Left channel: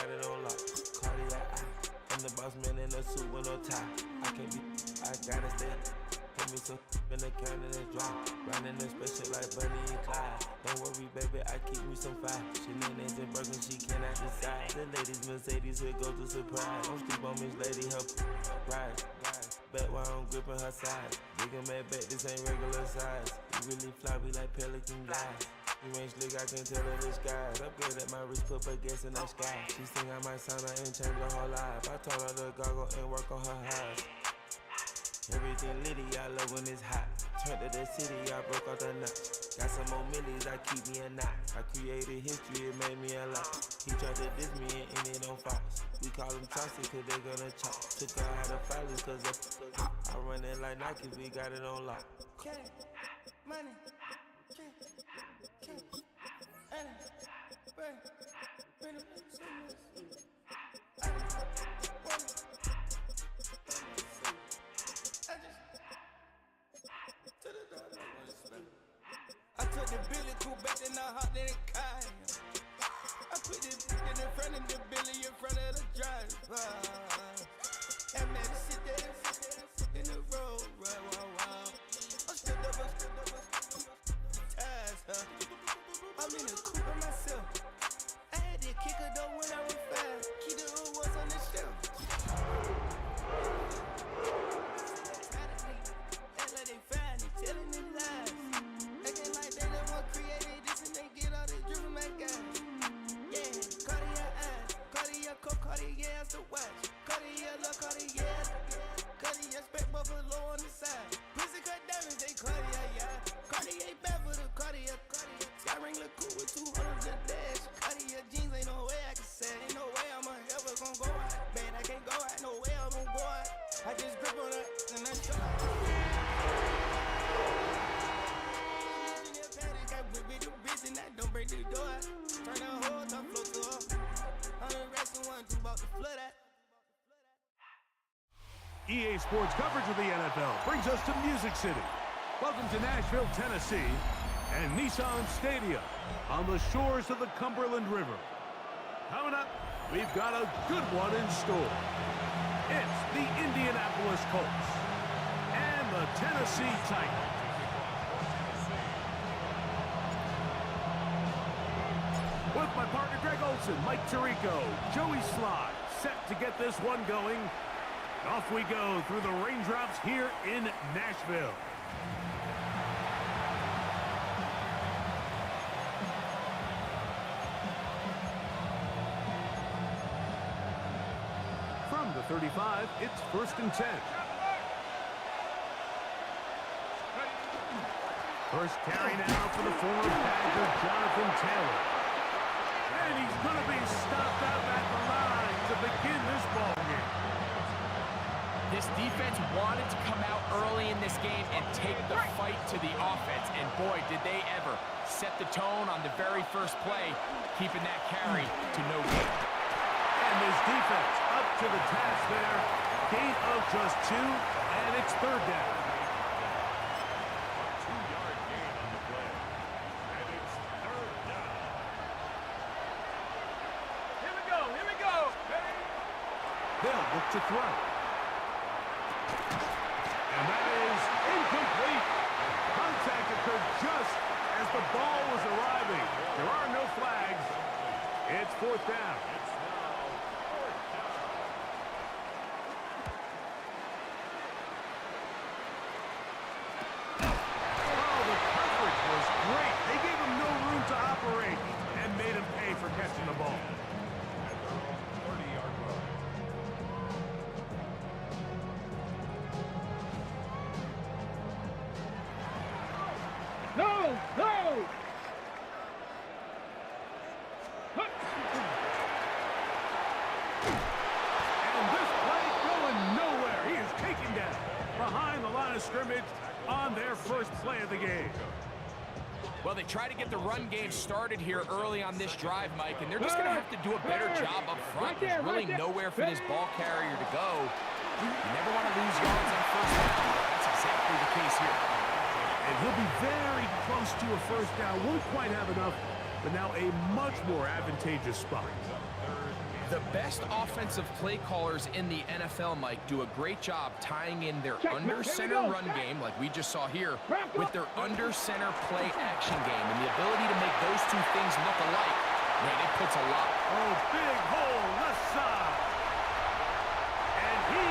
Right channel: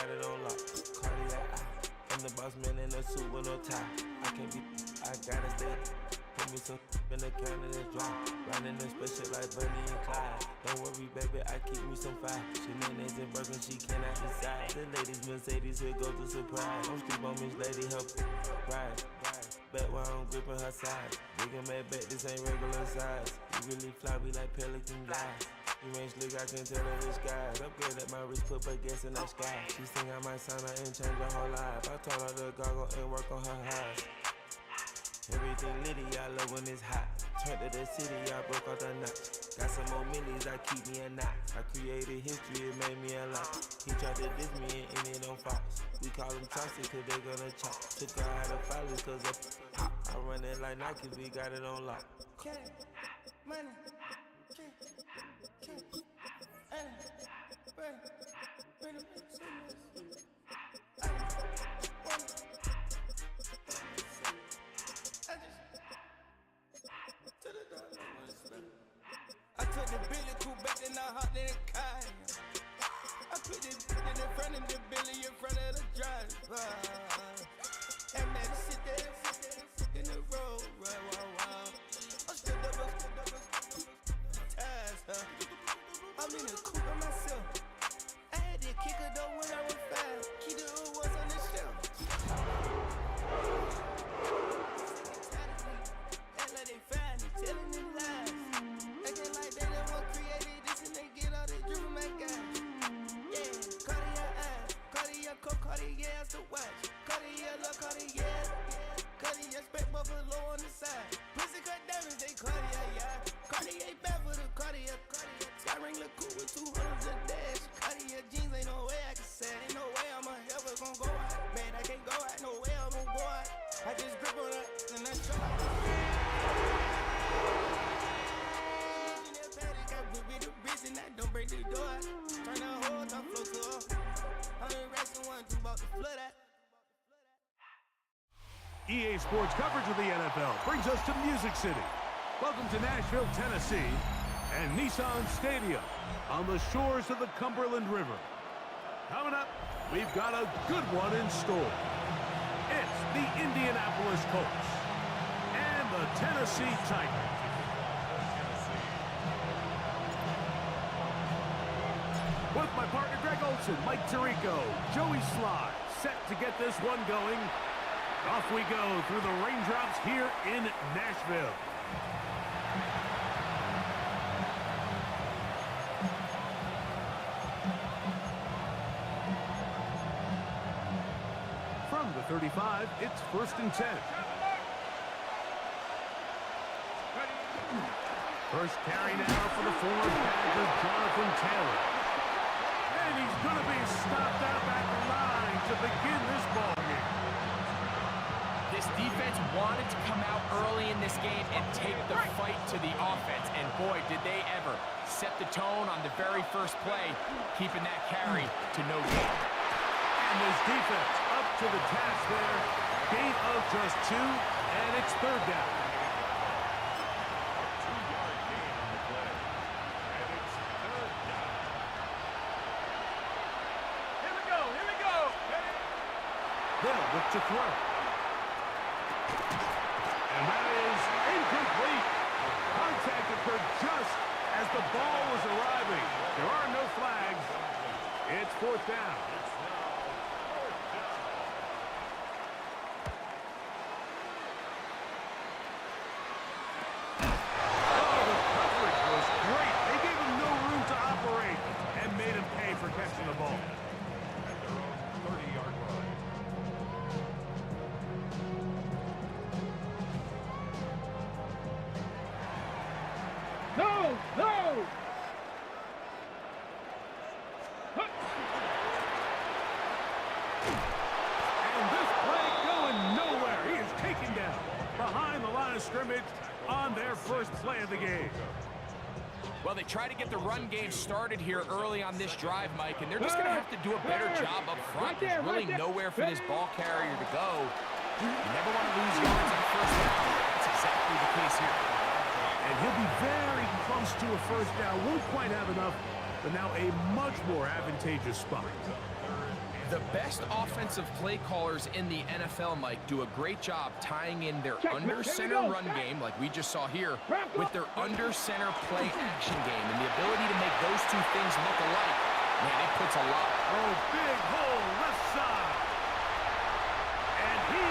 got it on lock. Cardiac eye. I'm the boss man in a suit with no tie. I can't be, I gotta stay. Put me some in the can and it's dry. Riding this special like Bunny and Clyde. Don't worry, baby, I keep me some fire. Shenanigans and broken, she cannot decide. The ladies Mercedes, here goes the surprise. Don't sleep on Miss Lady, help ride. Back while I'm gripping her side. Big and mad back, this ain't regular size. You really fly, we like pelican guys. You ain't slick, I can tell her the skies. Upgrade at my wrist, put baguettes in the sky. She think I might sign her and change her whole life. I told her to goggle and work on her eyes. Everything litty, I love when it's hot. Turned to the city, I broke out the notch. Got some more millies, I keep me a knot. I created history, it made me a lot. He tried to diss me and ended on Fox. We call them Chauncey cause they gonna chop. Took her out of filers cause I run it like Nike, we got it on lock. Cash, money, I took the Billy Cool back and I hopped in the car. I put the in front of the Billy in front of the driver. And man, sit there in the road, wow. I'm still double ties, huh? I'm in the coupe by myself. I had to kick her though when I was 5. Keep the old ones on the shelf. Act like they find it, telling them lies. Acting like they the one created this and they get all this driven my guy. Yeah, Cartier eyes, Cartier coke, Cartier has the watch. Cartier look, Cartier, Cartier spec buffalo on the side. Pussy cut diamonds, they Cartier, yeah. Cartier back for the Cartier. Sky ring look cool with 200 a dash. Cartier jeans, ain't no way I can say. Ain't no way I'm ever gon' go out. Man, I can't go out, no way I'm gon' go out. I just grip on her and I show her. With the wrist and I don't break the door. Turn the whole top flow to her. 100 racks and 1, 2 about to flood that. EA Sports coverage of the NFL brings us to Music City. Welcome to Nashville, Tennessee, and Nissan Stadium on the shores of the Cumberland River. Coming up, we've got a good one in store. It's the Indianapolis Colts and the Tennessee Titans. With my partner Greg Olson, Mike Tirico, Joey Sly, set to get this one going. Off we go through the raindrops here in Nashville. From the 35, it's 1st and 10. First carry now for the former Badger, Jonathan Taylor. And he's going to be stopped out at the line to begin this ball game. This defense wanted to come out early in this game and take the fight to the offense. And boy, did they ever set the tone on the very first play, keeping that carry to no gain. And this defense up to the task there. Gain of just 2, and it's 3rd down. A 2-yard gain on the play. And it's 3rd down. Here we go. They'll look to throw. And that is incomplete. Contact occurred just as the ball was arriving. There are no flags. It's 4th down. It's now 4th down. Oh, the coverage was great. They gave him no room to operate and made him pay for catching the ball. At their own 30-yard line. No! And this play going nowhere. He is taken down behind the line of scrimmage on their first play of the game. Well, they try to get the run game started here early on this drive, Mike, and they're just going to have to do a better job up front. There's really nowhere for this ball carrier to go. You never want to lose yards on first down, but that's exactly the case here. And he'll be very close to a first down. Won't quite have enough, but now a much more advantageous spot. The best offensive play callers in the NFL, Mike, do a great job tying in their under-center run game, like we just saw here, with their under-center play action game. And the ability to make those two things look alike, man, it puts a lot. Oh, big hole left side. And he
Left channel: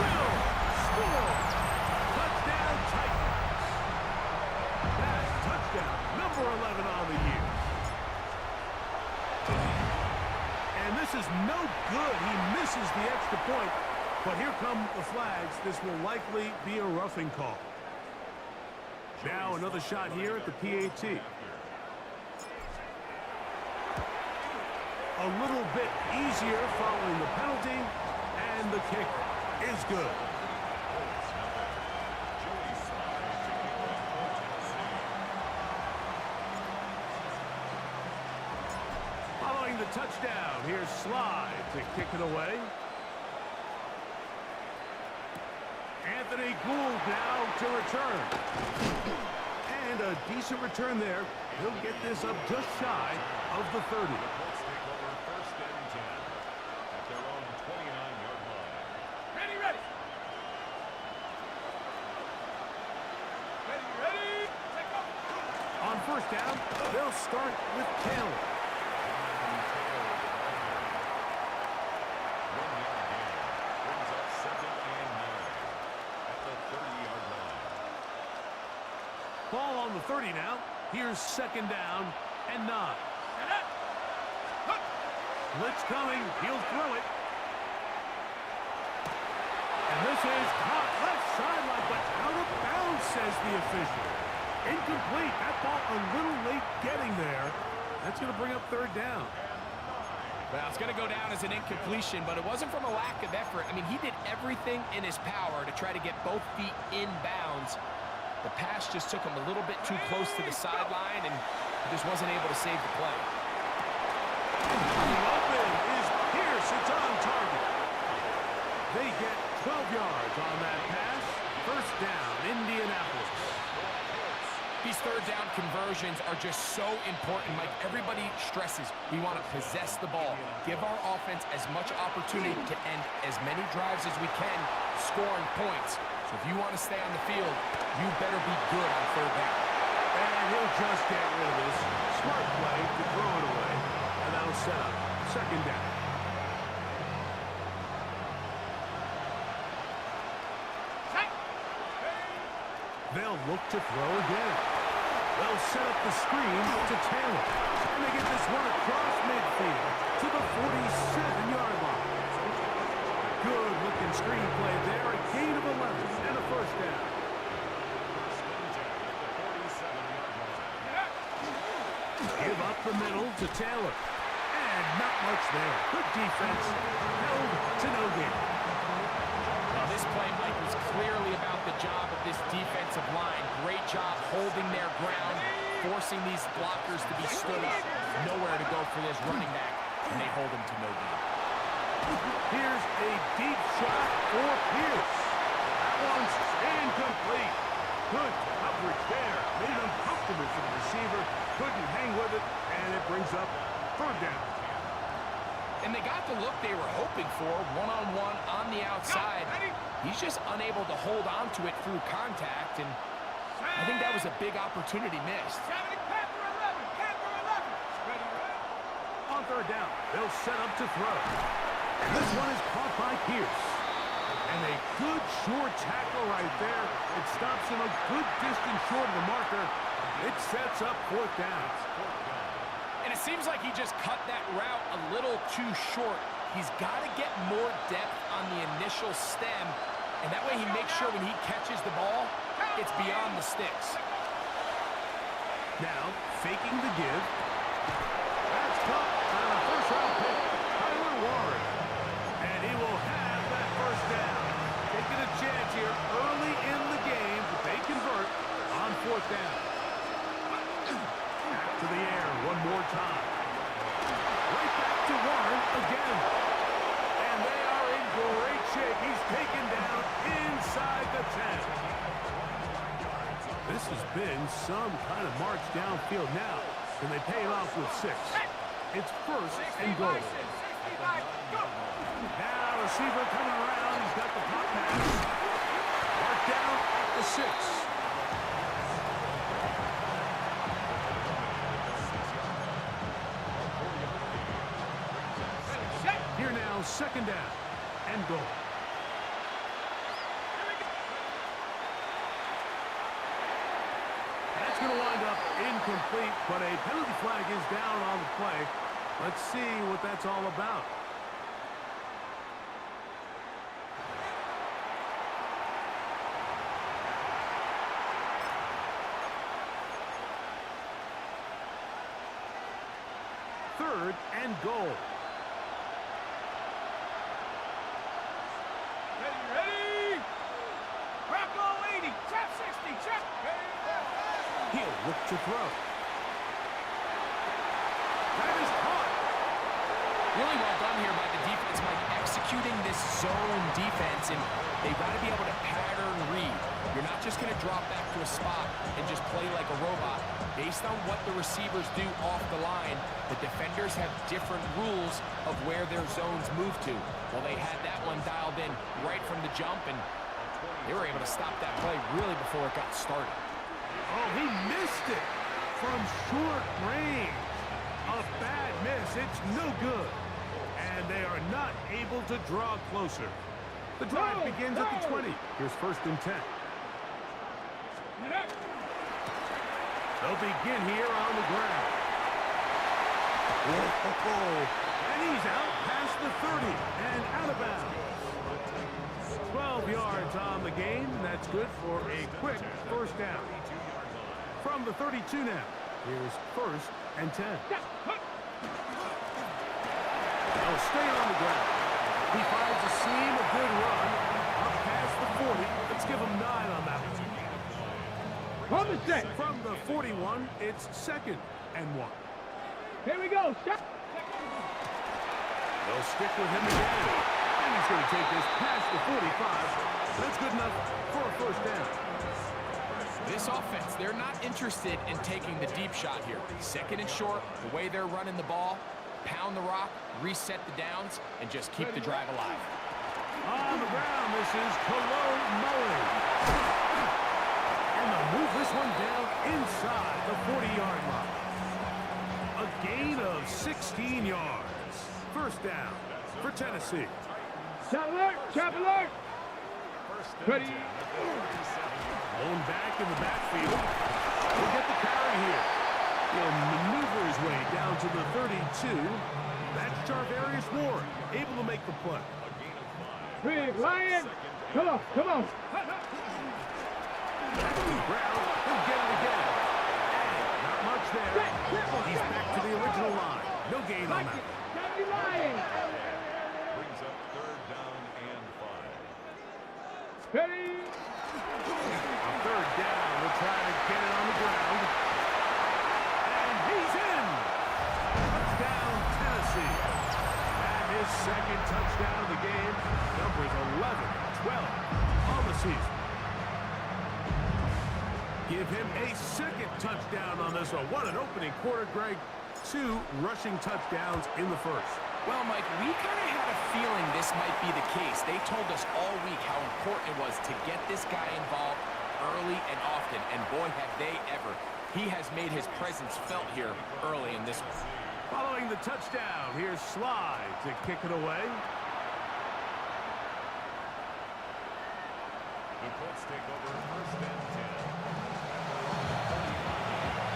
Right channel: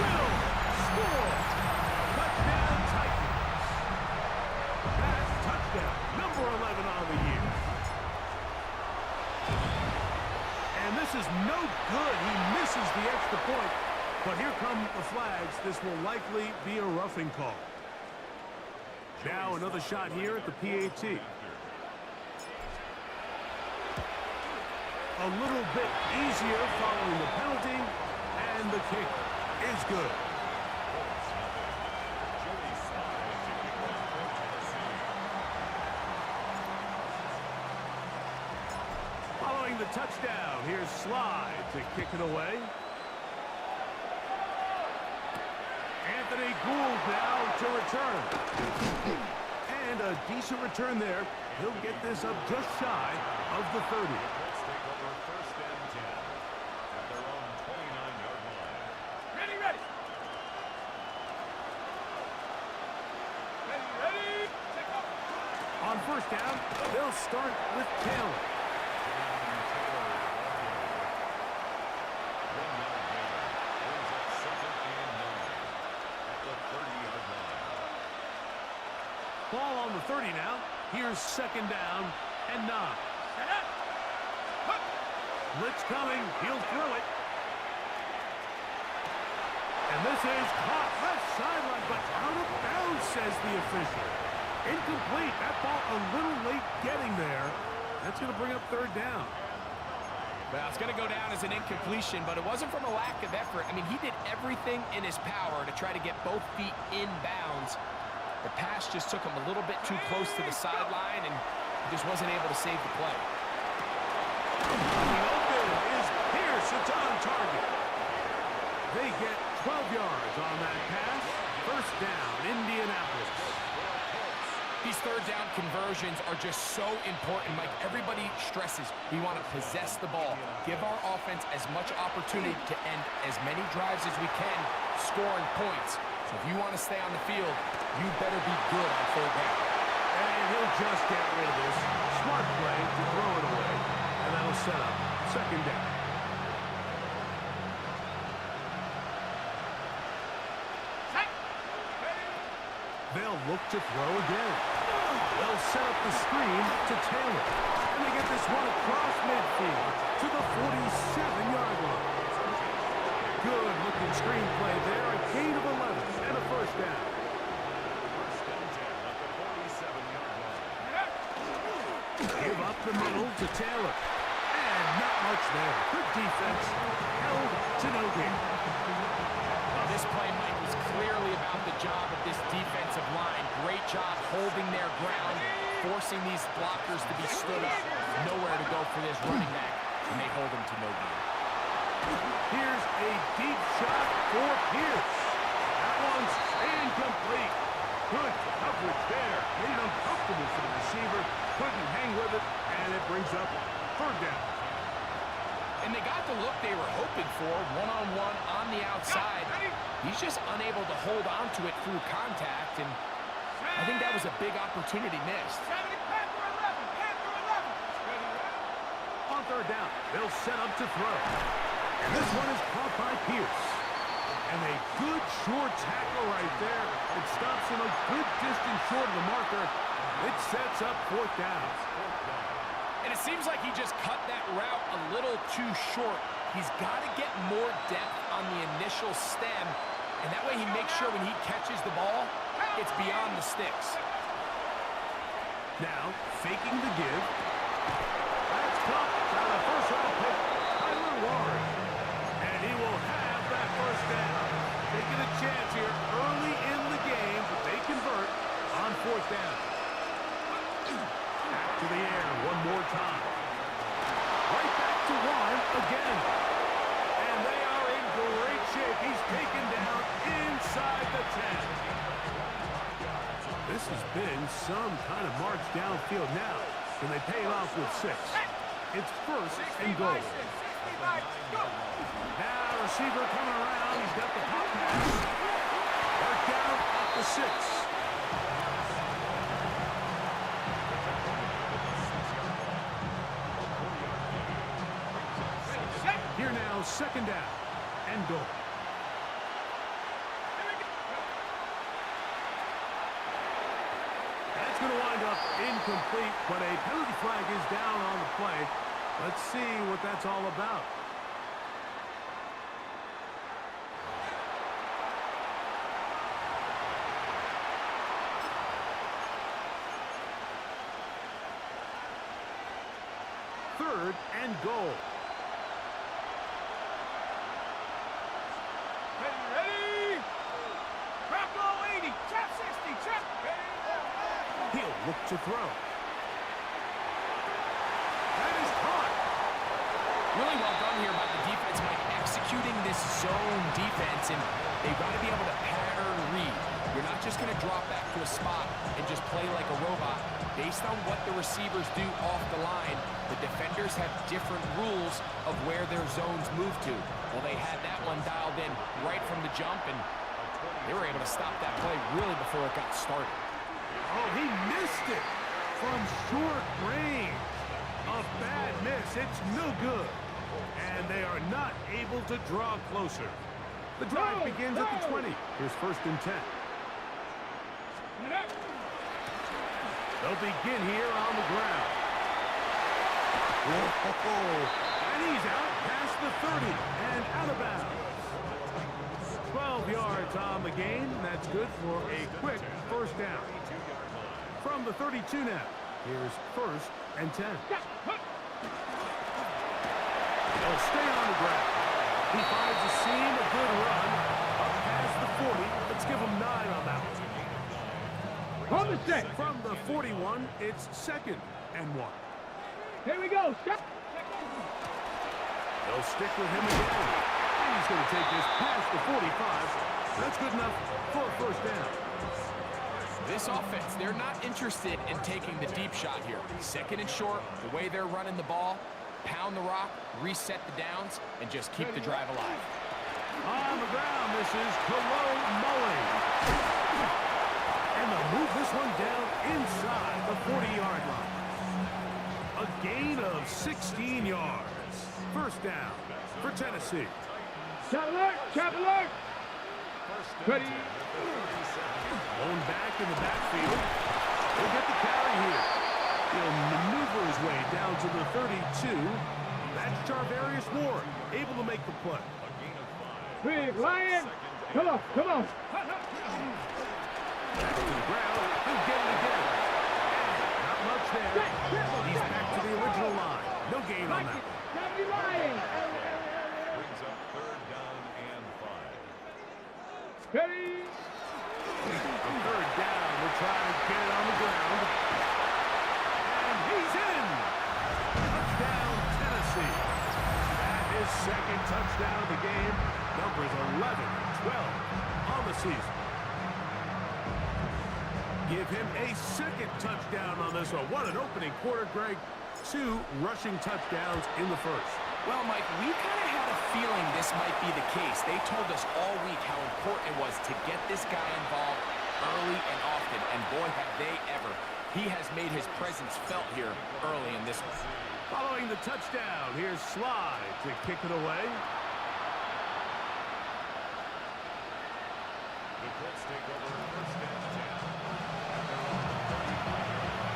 will score. Touchdown, Titans. That's touchdown, number 11 on the year. And this is no good. He misses the extra point. But here come the flags. This will likely be a roughing call. Now another shot here at the PAT. A little bit easier following the penalty. And the kick is good. Following the touchdown, here's Slide to kick it away. Anthony Gould now to return. And a decent return there. He'll get this up just shy of the 30. The Colts take over 1st and 10 at their own 29-yard line. Ready, ready. Ready. Take off. On 1st down, they'll start with Taylor. Ball on the 30 now. Here's 2nd down and 9. Blitz coming. He'll throw it. And this is caught left sideline, but out of bounds, says the official. Incomplete. That ball a little late getting there. That's going to bring up 3rd down. Well, it's going to go down as an incompletion, but it wasn't from a lack of effort. I mean, he did everything in his power to try to get both feet in bounds. The pass just took him a little bit too close to the sideline, and he just wasn't able to save the play. Coming open is Pierce. It's on target. They get 12 yards on that pass. 1st down, Indianapolis. These 3rd down conversions are just so important, Mike. Everybody stresses we want to possess the ball, give our offense as much opportunity to end as many drives as we can, scoring points. So if you want to stay on the field, you better be good on 3rd down. And he'll just get rid of this. Smart play to throw it away, and that'll set up 2nd down. They'll look to throw again. They'll set up the screen to Taylor. And they get this one across midfield to the 47-yard line. Good-looking screenplay there. A gain of 11 and a 1st down. 1st and 10 at the 47-yard line. Give up the middle to Taylor. And not much there. Good defense. Held to no gain. Well, this play, Mike, was clearly about the job of this defensive line. Great job holding their ground, forcing these blockers to be stood up. Nowhere to go for this running back, and they hold him to no gain. Here's a deep shot for Pierce. That one's incomplete. Good coverage there. Made it uncomfortable for the receiver. Couldn't hang with it, and it brings up 3rd down. And they got the look they were hoping for, one-on-one on the outside. He's just unable to hold on to it through contact, and I think that was a big opportunity missed. On 3rd down, they'll set up to throw. And this one is caught by Pierce. And a good short tackle right there. It stops him a good distance short of the marker. It sets up 4th down. And it seems like he just cut that route a little too short. He's got to get more depth on the initial stem, and that way he makes sure when he catches the ball, it's beyond the sticks. Now, faking the give. That's caught on a 1st-round pick, Tyler Warren. And he will have that 1st down. Taking a chance here early in the game, but they convert on 4th down. Back to the air one more time. Right back to Warren again. And they are in great shape. He's taken down inside the 10. This has been some kind of march downfield now. Can they pay it off with 6? It's 1st and goal. Now receiver coming around. He's got the pop pass. Mark down at the 6. Here now, second down and goal. That's going to wind up incomplete, but a penalty flag is down on the play. Let's see what that's all about. Third and goal. Ready? Rocco 80, trap 60, trap. He'll look to throw. That is caught. Really well done here by the defense, Mike, executing this zone defense, and they've got to be able to pattern read. You're not just going to drop back to a spot and just play like a robot. Based on what the receivers do off the line, the defenders have different rules of where their zones move to. Well, they had that one dialed in right from the jump, and they were able to stop that play really before it got started. Oh, he missed it from short range. A bad miss. It's no good. And they are not able to draw closer. The drive begins at the 20. Here's first and 10. They'll begin here on the ground. Whoa. And he's out past the 30 and out of bounds. 12 yards on the gain. That's good for a quick first down. From the 32 now. Here's first and 10. They'll stay on the ground. He finds a seam, a good run. Up past the 40. Let's give him 9 on that one. From the 41, it's second and 1. Here we go. They'll stick with him again. And he's going to take this past the 45. That's good enough for a first down. This offense, they're not interested in taking the deep shot here. Second and short, the way they're running the ball, pound the rock, reset the downs, and just keep the drive alive. On the ground, this is Cologne Mulling. And they'll move this one down inside the 40-yard line. A gain of 16 yards. First down for Tennessee. Chop alert. Ready. Blown back in the backfield. He'll get the carry here. He'll maneuver his way down to the 32. That's Charvarius Ward, able to make the play. Big Lion. Come on. Back to the ground. He'll get it again. And not much there. He's back to the original line. No gain on that. Brings up third down and 5. Ready. On third down, we're trying to get it on the ground. And he's in. Touchdown, Tennessee. That is second touchdown of the game. Numbers 11-12 on the season. Give him a second touchdown on this one. What an opening quarter, Greg. 2 rushing touchdowns in the first. Well, Mike, we kind of had a feeling this might be the case. They told us all week how important it was to get this guy involved early and often, and boy, have they ever. He has made his presence felt here early in this one. Following the touchdown, here's Slide to kick it away. The Colts take over first and 10 at their own 35-yard line.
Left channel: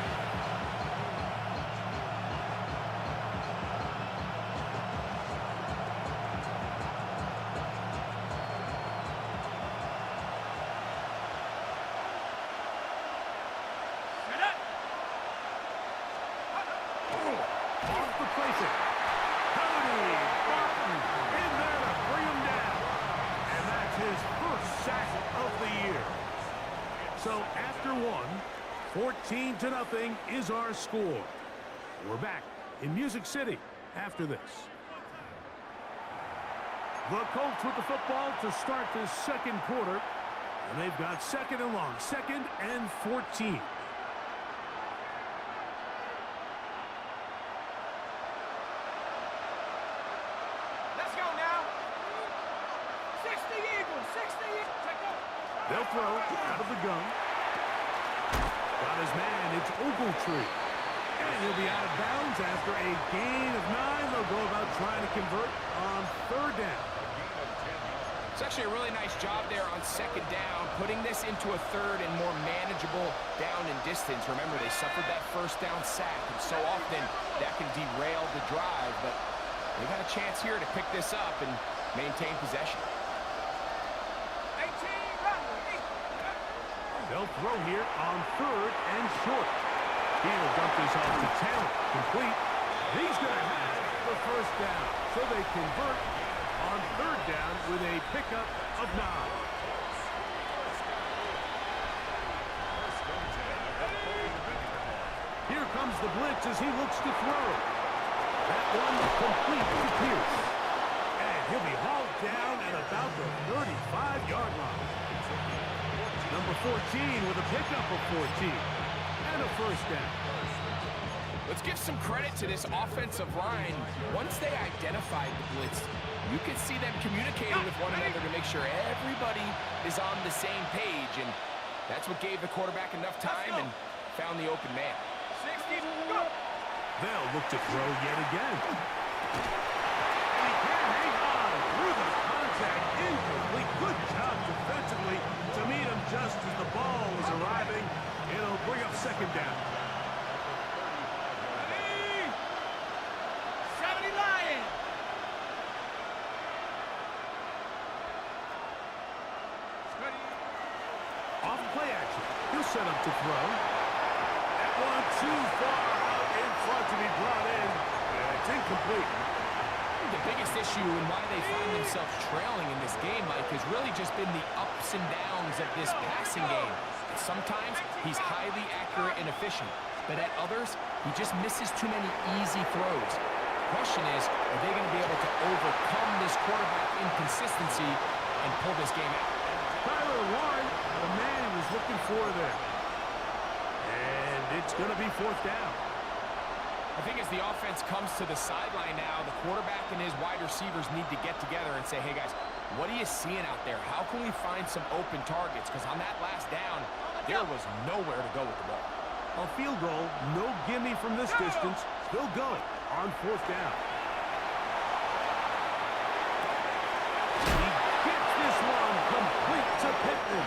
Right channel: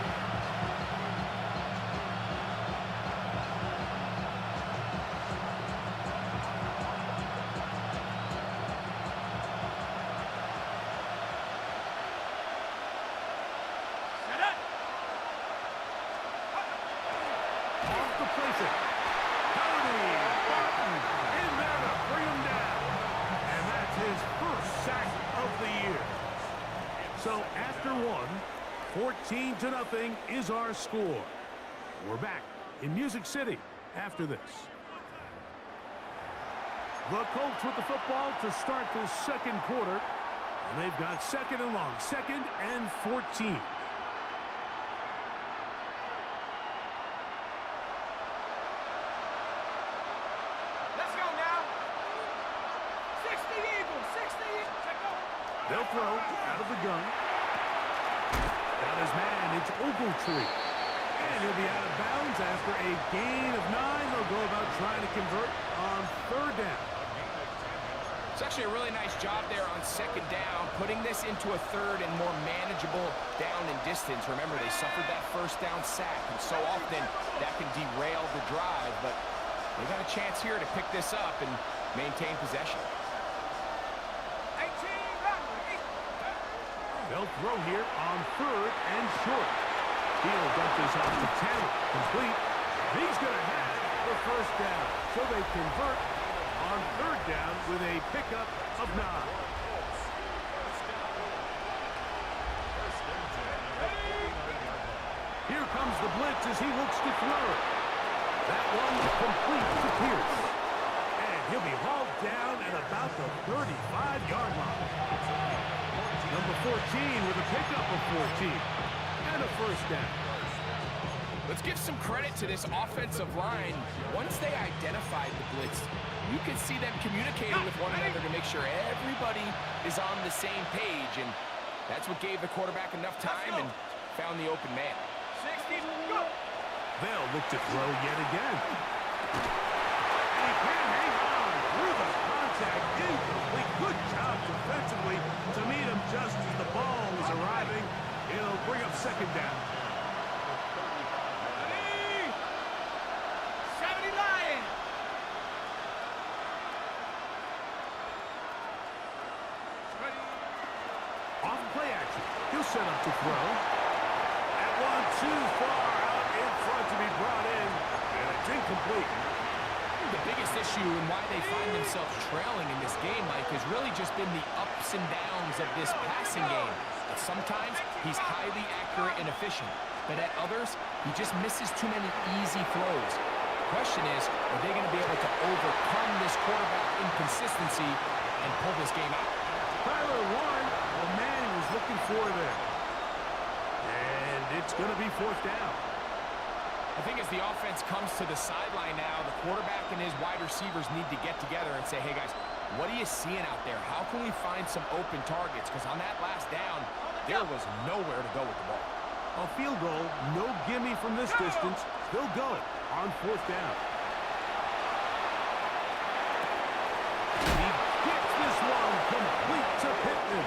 Off the placing. Cody Barton in there to bring him down. And that's his first sack of the year. So after 14-0 is our score. We're back in Music City after this. The Colts with the football to start this second quarter. And they've got second and long, 2nd and 14. gun. Got his man. It's Ogletree. And he'll be out of bounds after a gain of 9. They'll go about trying to convert on 3rd down. It's actually a really nice job there on 2nd down, putting this into a 3rd and more manageable down and distance. Remember, they suffered that 1st down sack, and so often that can derail the drive, but they got a chance here to pick this up and maintain possession. 18, run. They'll throw here on 3rd and short. He'll dump this off to Taylor. Complete. He's going to have the 1st down. So they convert on 3rd down with a pickup of 9. Here comes the blitz as he looks to throw. That one complete to Pierce. And he'll be hauled down at about the 35-yard line. Number 14 with a pickup of 14. And a 1st down. Let's give some credit to this offensive line. Once they identified the blitz, you can see them communicating with one another to make sure everybody is on the same page, and that's what gave the quarterback enough time and found the open man. 60, go! They'll look to throw yet again. And he can't hang on through the contact. Incomplete. Good job defensively to meet him just as the ball is arriving. It'll bring up 2nd down. 70 Lions! Off play action. He'll set up to throw. That one too far out in front to be brought in. And it's incomplete. The biggest issue and why they find themselves trailing in this game, Mike, has really just been the ups and downs of this passing game. And sometimes he's highly accurate and efficient, but at others, he just misses too many easy throws. The question is, are they going to be able to overcome this quarterback inconsistency and pull this game out? Tyler Warren, the man he was looking for there. And it's going to be 4th down. I think as the offense comes to the sideline now, the quarterback and his wide receivers need to get together and say, hey, guys, what are you seeing out there? How can we find some open targets? Because on that last down, there was nowhere to go with the ball. A field goal, no gimme from this distance. They'll go on 4th down. He gets this one complete to Pittman.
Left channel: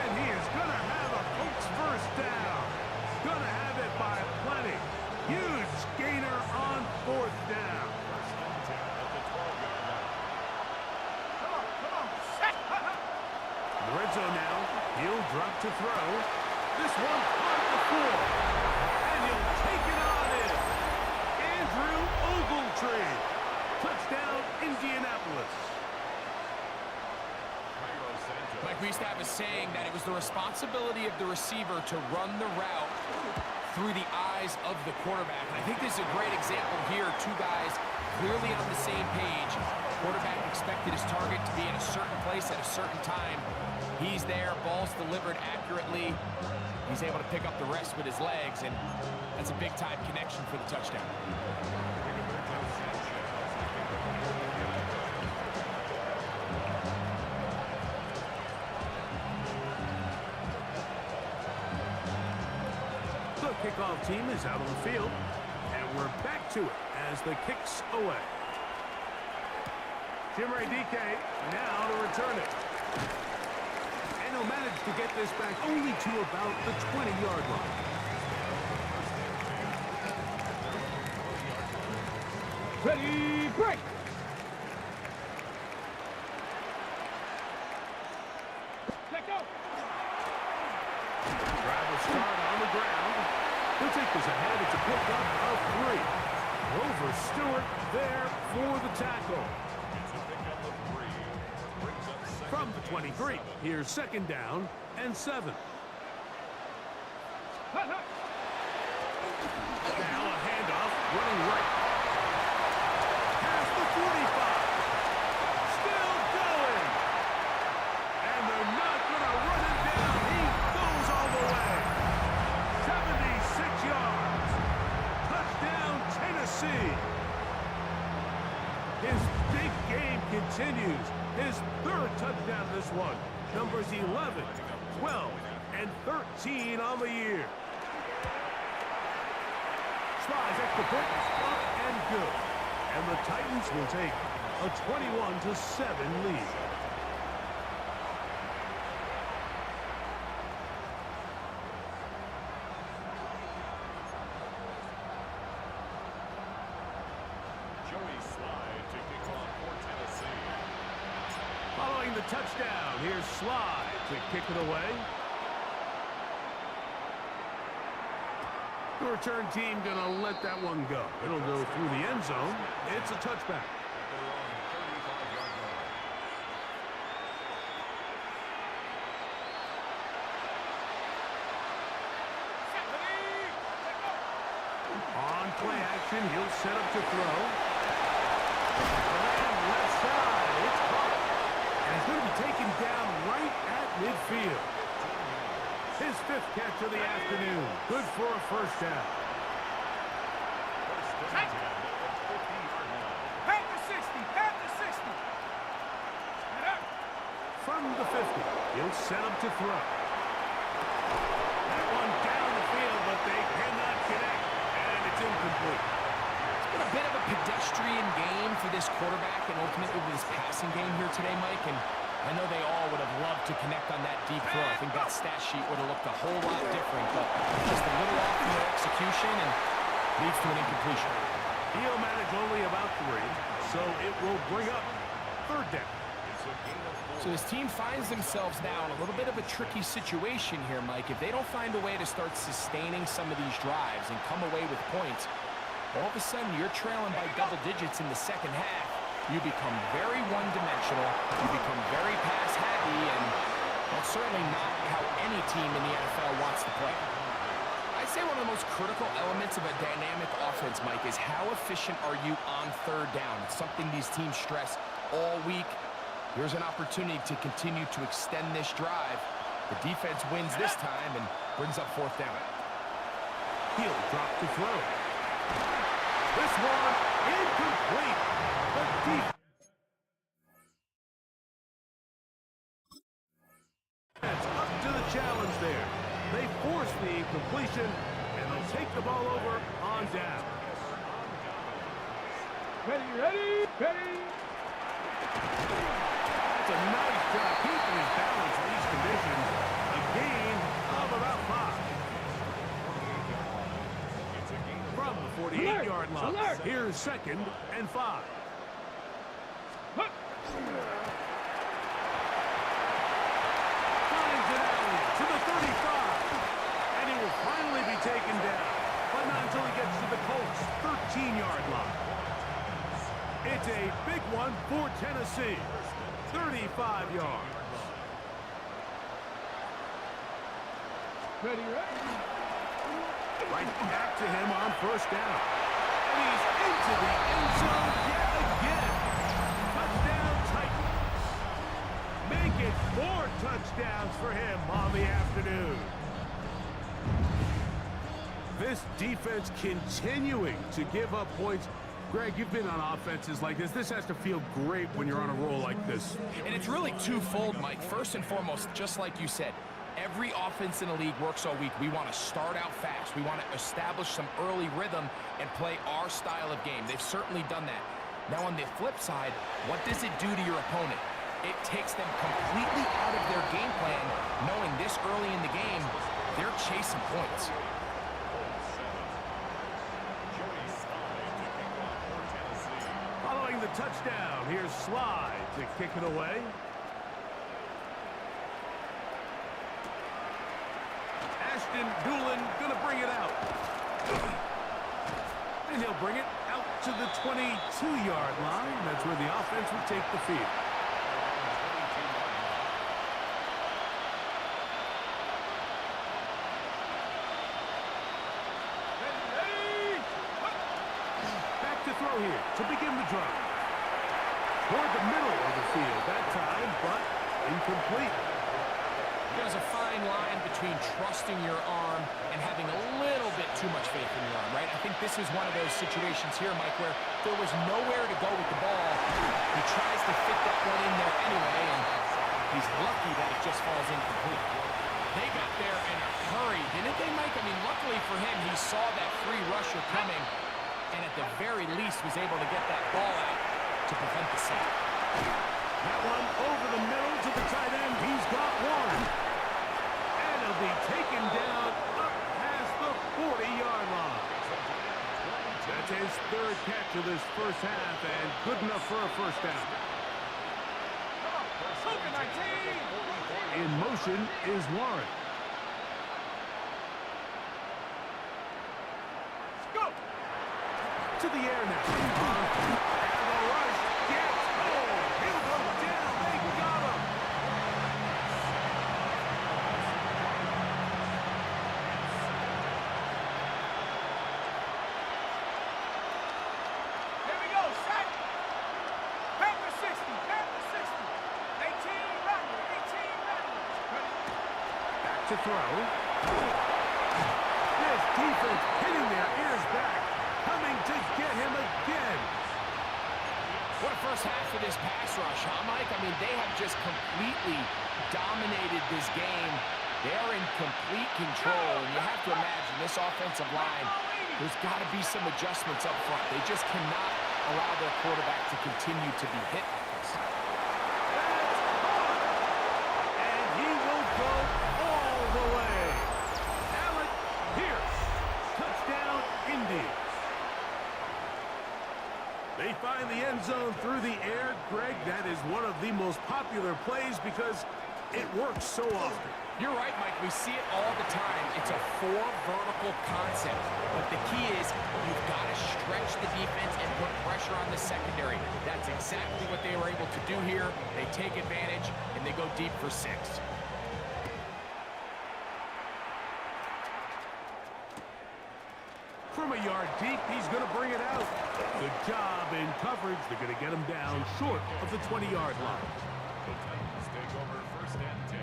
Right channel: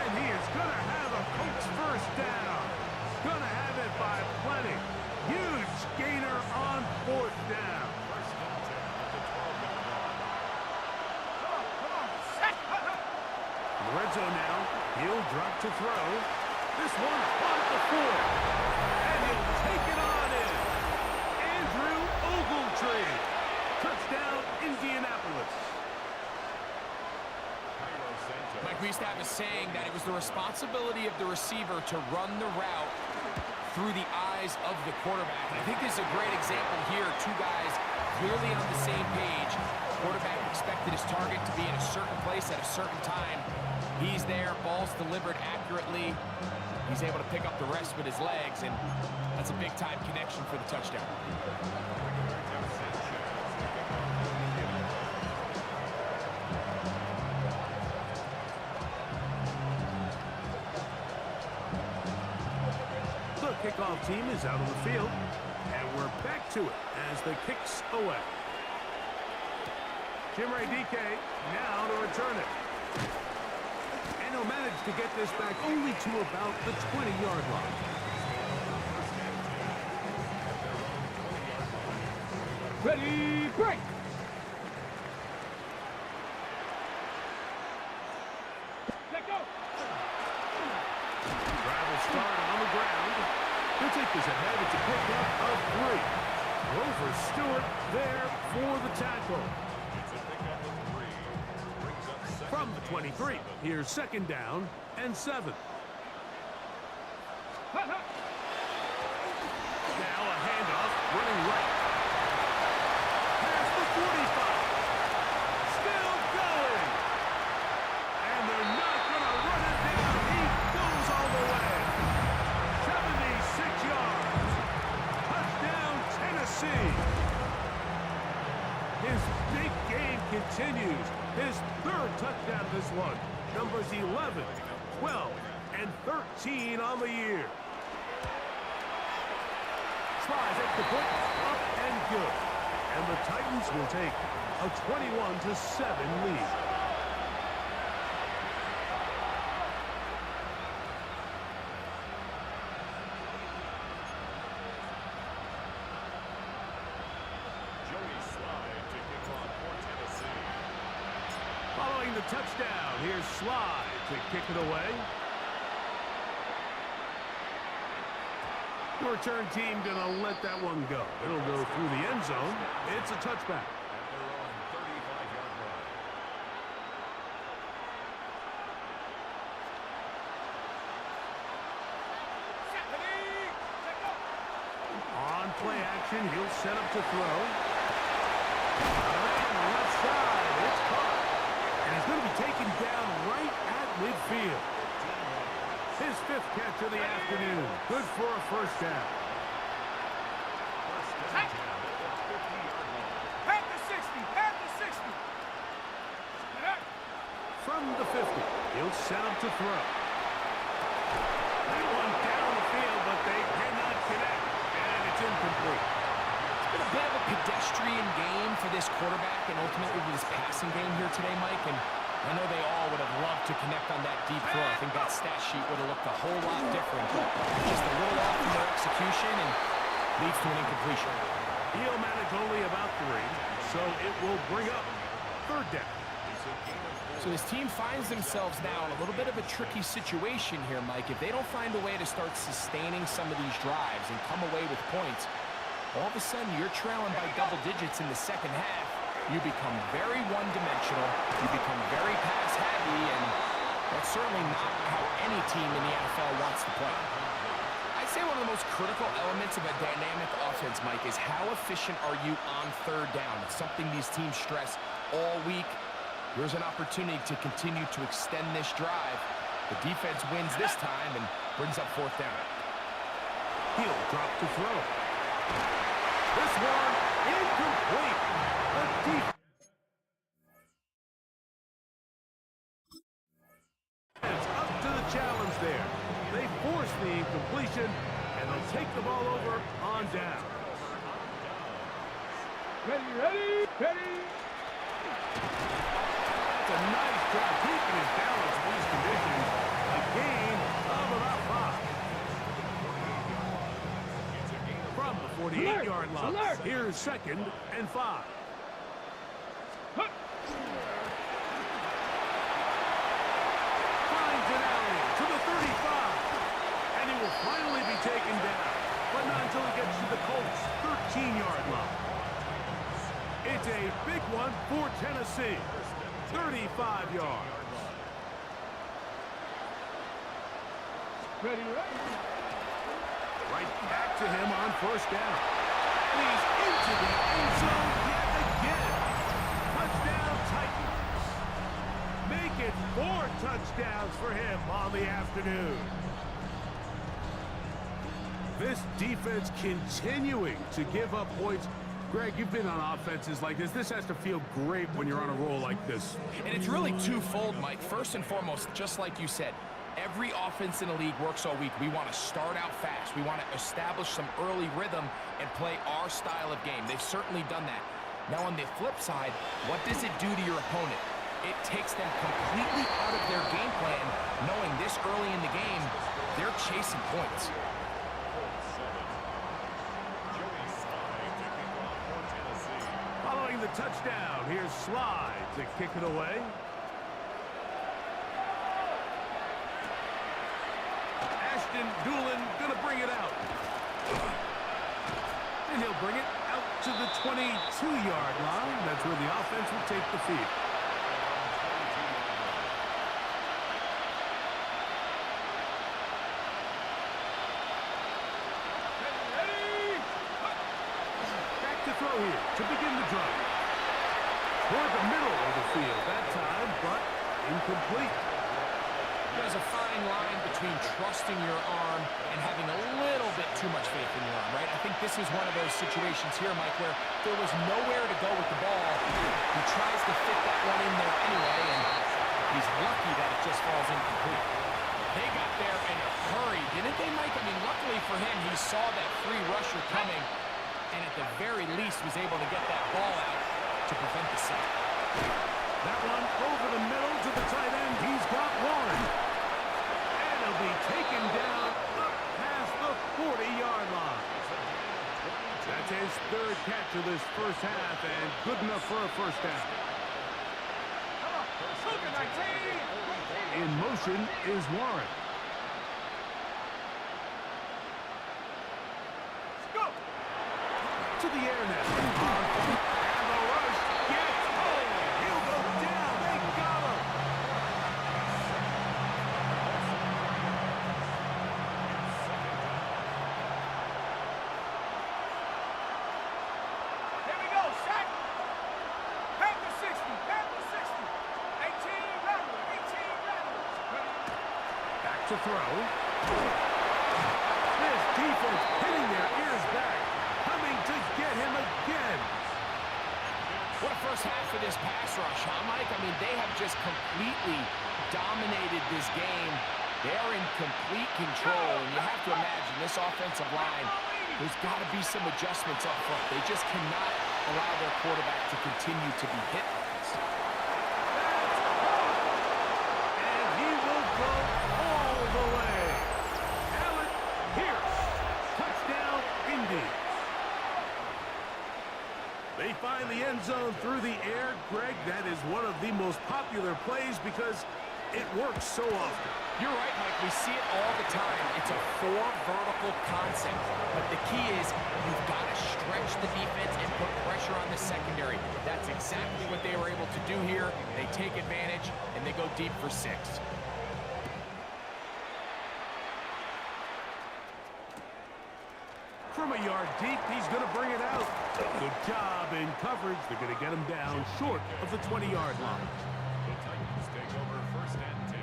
And he is going to have a Colts 1st down. Going to have it by plenty. Huge gainer on 4th down. 1st and 10 at the 12-yard line. Come on, set! In the red zone now, he'll drop to throw. This one caught at the 4. And he'll take it on in. Andrew Ogletree. Touchdown, Indianapolis. Mike, we used to have a saying that it was the responsibility of the receiver to run the route through the eyes of the quarterback. And I think this is a great example here. Two guys clearly on the same page. Quarterback expected his target to be in a certain place at a certain time. He's there, ball's delivered accurately. He's able to pick up the rest with his legs, and that's a big-time connection for the touchdown. The kickoff team is out on the field, and we're back to it as the kick's away. Chimere Dike now to return it. And he'll manage to get this back only to about the 20-yard line. Ready, break! Let go! Drive will start on the ground. He'll take this ahead. It's a pickup of 3. Grover Stewart there for the tackle. It's a pickup of 3. Brings up second From the 23, 7. here's 2nd down and 7. Hut, hut. Now a handoff, running right. Past the 45. Still going. And they're not going to run him down. He goes all the way. 76 yards. Touchdown, Tennessee. His big game continues. His 3rd touchdown of this one. Numbers 11, 12 and 13 on the year. Slides extra point, up and good. And the Titans will take a 21-7 lead. Joey Slye to kick off for Tennessee. Following the touchdown, here's Slye to kick it away. The return team gonna let that one go. It'll go through the end zone. It's a touchback. At their own 35-yard line. On play action, he'll set up to throw. And left side, it's caught. And he's going to be taken down right at midfield. His 5th catch of the afternoon. Good for a first down. First and 10 at the 50-yard line. Pat the 60. Pat the 60. From the 50, he'll set up to throw. That one down the field, but they cannot connect. And it's incomplete. It's been a bit of a pedestrian game for this quarterback and ultimately this passing game here today, Mike. And I know they all would have loved to connect on that deep throw. I think that stat sheet would have looked a whole lot different, but just a little off in their execution and leads to an incompletion. He'll manage only about 3, so it will bring up 3rd down. So this team finds themselves now in a little bit of a tricky situation here, Mike. If they don't find a way to start sustaining some of these drives and come away with points, all of a sudden you're trailing by double digits in the second half. You become very one-dimensional, you become very pass-heavy, and that's certainly not how any team in the NFL wants to play. I'd say one of the most critical elements of a dynamic offense, Mike, is how efficient are you on 3rd down. It's something these teams stress all week. Here's an opportunity to continue to extend this drive. The defense wins this time and brings up 4th down. He'll drop to throw. This one incomplete. The defense up to the challenge there. They force the incompletion, and they'll take the ball over on down. Ready. That's a nice job keeping his balance in these conditions. A gain of about 5. From the 48-yard line. Alert. Here's 2nd and 5. Finds an alley to the 35. And he will finally be taken down. But not until he gets to the Colts' 13-yard line. It's a big one for Tennessee. 35 yards. Ready. Right back to him on 1st down. And he's into the end zone yet again. Touchdown Titans. Make it 4 touchdowns for him on the afternoon. This defense continuing to give up points. Greg, you've been on offenses like this. This has to feel great when you're on a roll like this. And it's really twofold, Mike. First and foremost, just like you said, every offense in the league works all week. We want to start out fast. We want to establish some early rhythm and play our style of game. They've certainly done that. Now, on the flip side, what does it do to your opponent? It takes them completely out of their game plan, knowing this early in the game, they're chasing points. Following the touchdown, here's Slye to kick it away. Ashton Dulin gonna bring it out. And he'll bring it out to the 22-yard line. That's where the offense will take the field. Back to throw here to begin the drive. Toward the middle of the field that time, but incomplete. There's a fine line between trusting your arm and having a little bit too much faith in your arm, right? I think this is one of those situations here, Mike, where there was nowhere to go with the ball. He tries to fit that one in there anyway, and he's lucky that it just falls incomplete. They got there in a hurry, didn't they, Mike? I mean, luckily for him, he saw that free rusher coming, and at the very least was able to get that ball out to prevent the sack. That one over the middle to the tight end. He's got Warren. And he'll be taken down up past the 40-yard line. That's his third catch of this first half, and good enough for a first down. In motion is Warren. Go! To the air now. And the rush gets home. He'll go down. They got him. Here we go, set! Panther 60, Panther 60. 18 Rattlers, 18 Rattlers. Ready? Back to throw. This defense hitting their ears back. Coming to get him again. What a first half of this pass rush, huh, Mike? I mean, they have just completely dominated this game. They're in complete control, and you have to imagine this offensive line, there's got to be some adjustments up front. They just cannot allow their quarterback to continue to be hit like this. That's caught. And he will go all the way. Alec Pierce. Touchdown, Indy. They find the end zone through the air. Greg, that is one of the most popular plays because it works so often. You're right, Mike. We see it all the time. It's a four-vertical concept. But the key is you've got to stretch the defense and put pressure on the secondary. That's exactly what they were able to do here. They take advantage, and they go deep for 6. From a yard deep, he's going to bring it out. Good job in coverage. They're going to get him down short of the 20-yard line. The Titans take over first and 10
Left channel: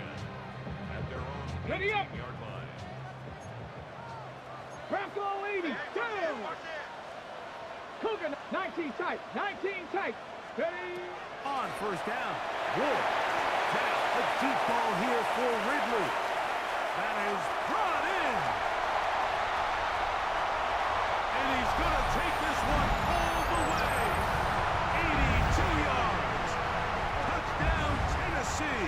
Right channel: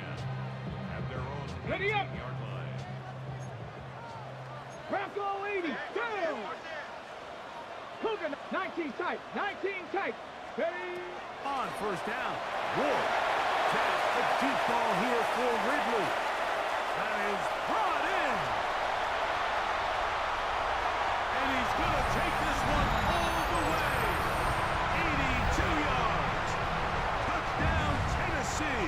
at their own Ready up. 18-yard line. Bronco 80, down! Cougar 19 tight, 19 tight. Ready? On first down, Ward. Now a deep ball here for Ridley. That is brought in. And he's going to take this one all the way. 82 yards. Touchdown, Tennessee.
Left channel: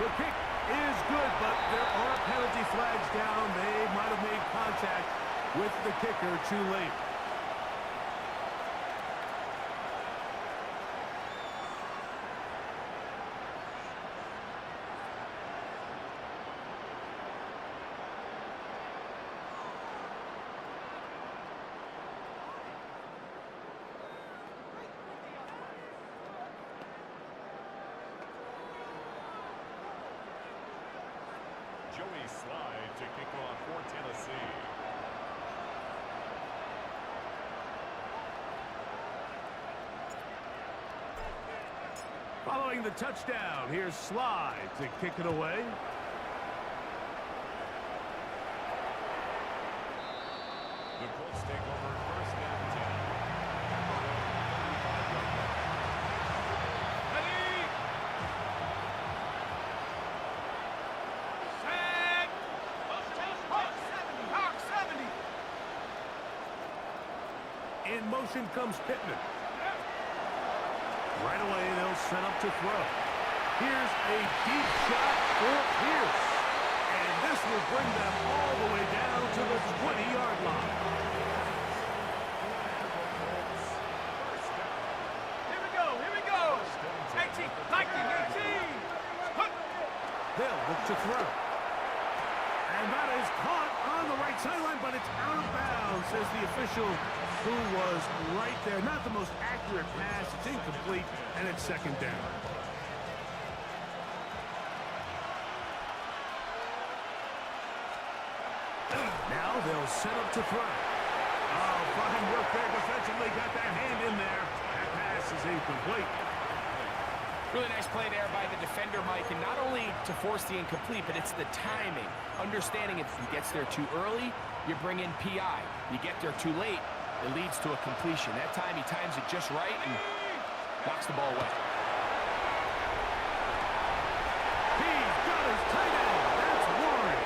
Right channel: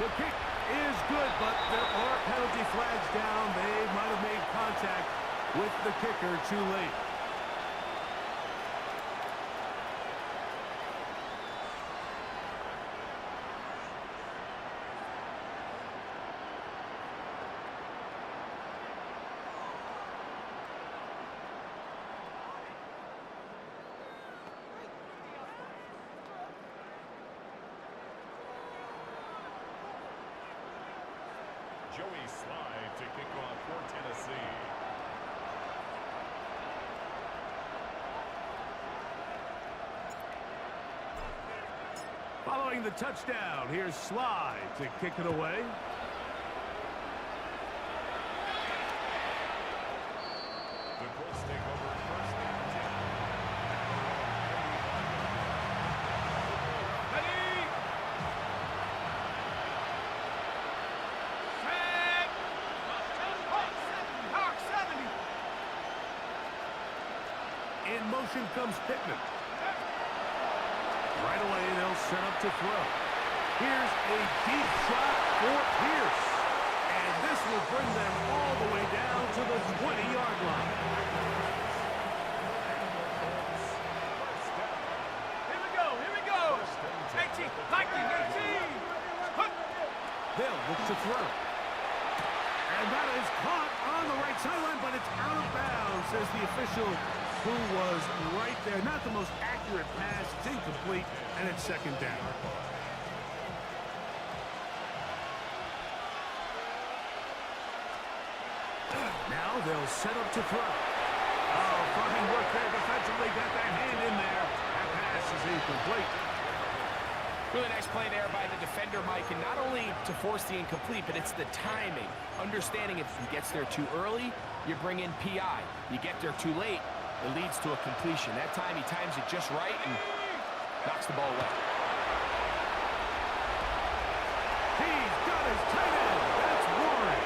The kick is good, but there are penalty flags down. They might have made contact with the kicker too late. Joey Slide to kick off for Tennessee. Following the touchdown, here's Slide to kick it away. The Colts take over first and 10 at their own 35-yard line. Ready? Set! Hawk 70, Hawk 70. In motion comes Pittman. Right away, they'll set up to throw. Here's a deep shot for Pierce. And this will bring them all the way down to the 20-yard line. Here we go, here we go. 18, 19, 18. They'll look to throw. And that is caught on the right sideline, but it's out of bounds, says the official who was right there. Not the most accurate pass. It's incomplete, and it's second down. Now they'll set up to throw. Oh, fine work there defensively. Got that hand in there. That pass is incomplete. Really nice play there by the defender, Mike, and not only to force the incomplete, but it's the timing. Understanding if he gets there too early, you bring in PI. You get there too late, it leads to a completion. That time he times it just right and knocks the ball away. his tight end. That's Warren.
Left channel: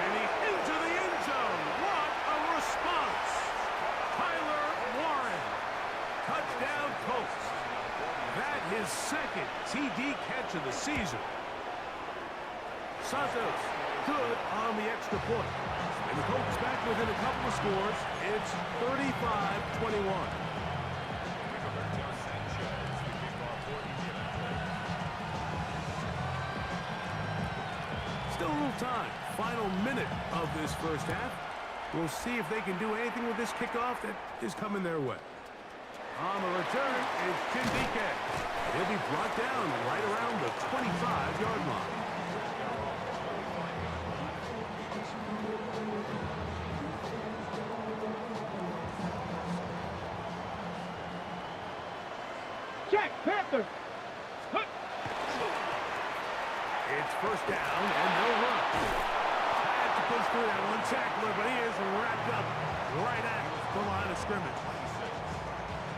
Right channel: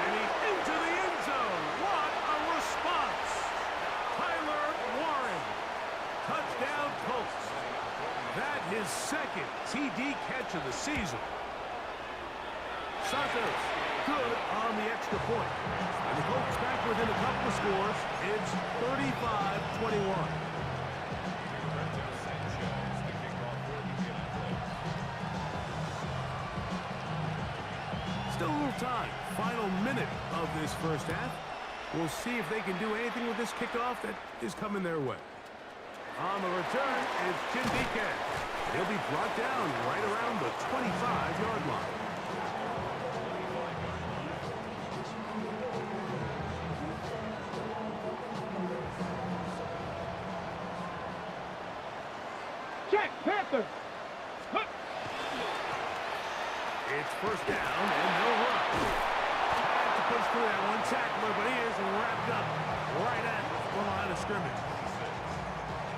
And he's into the end zone. What a response. Tyler Warren. Touchdown Colts. That his second TD catch of the season. Santos, good on the extra point. And the Colts back within a couple of scores. It's 35-21. Rigoberto Sanchez, the kickoff for Indianapolis. Still a little time. Final minute of this first half. We'll see if they can do anything with this kickoff that is coming their way. On the return, it's Chindike. And he'll be brought down right around the 25-yard line. Check, Panther. It's first down, and they'll run. Had to push through that one tackler, but he is wrapped up right at the line of scrimmage.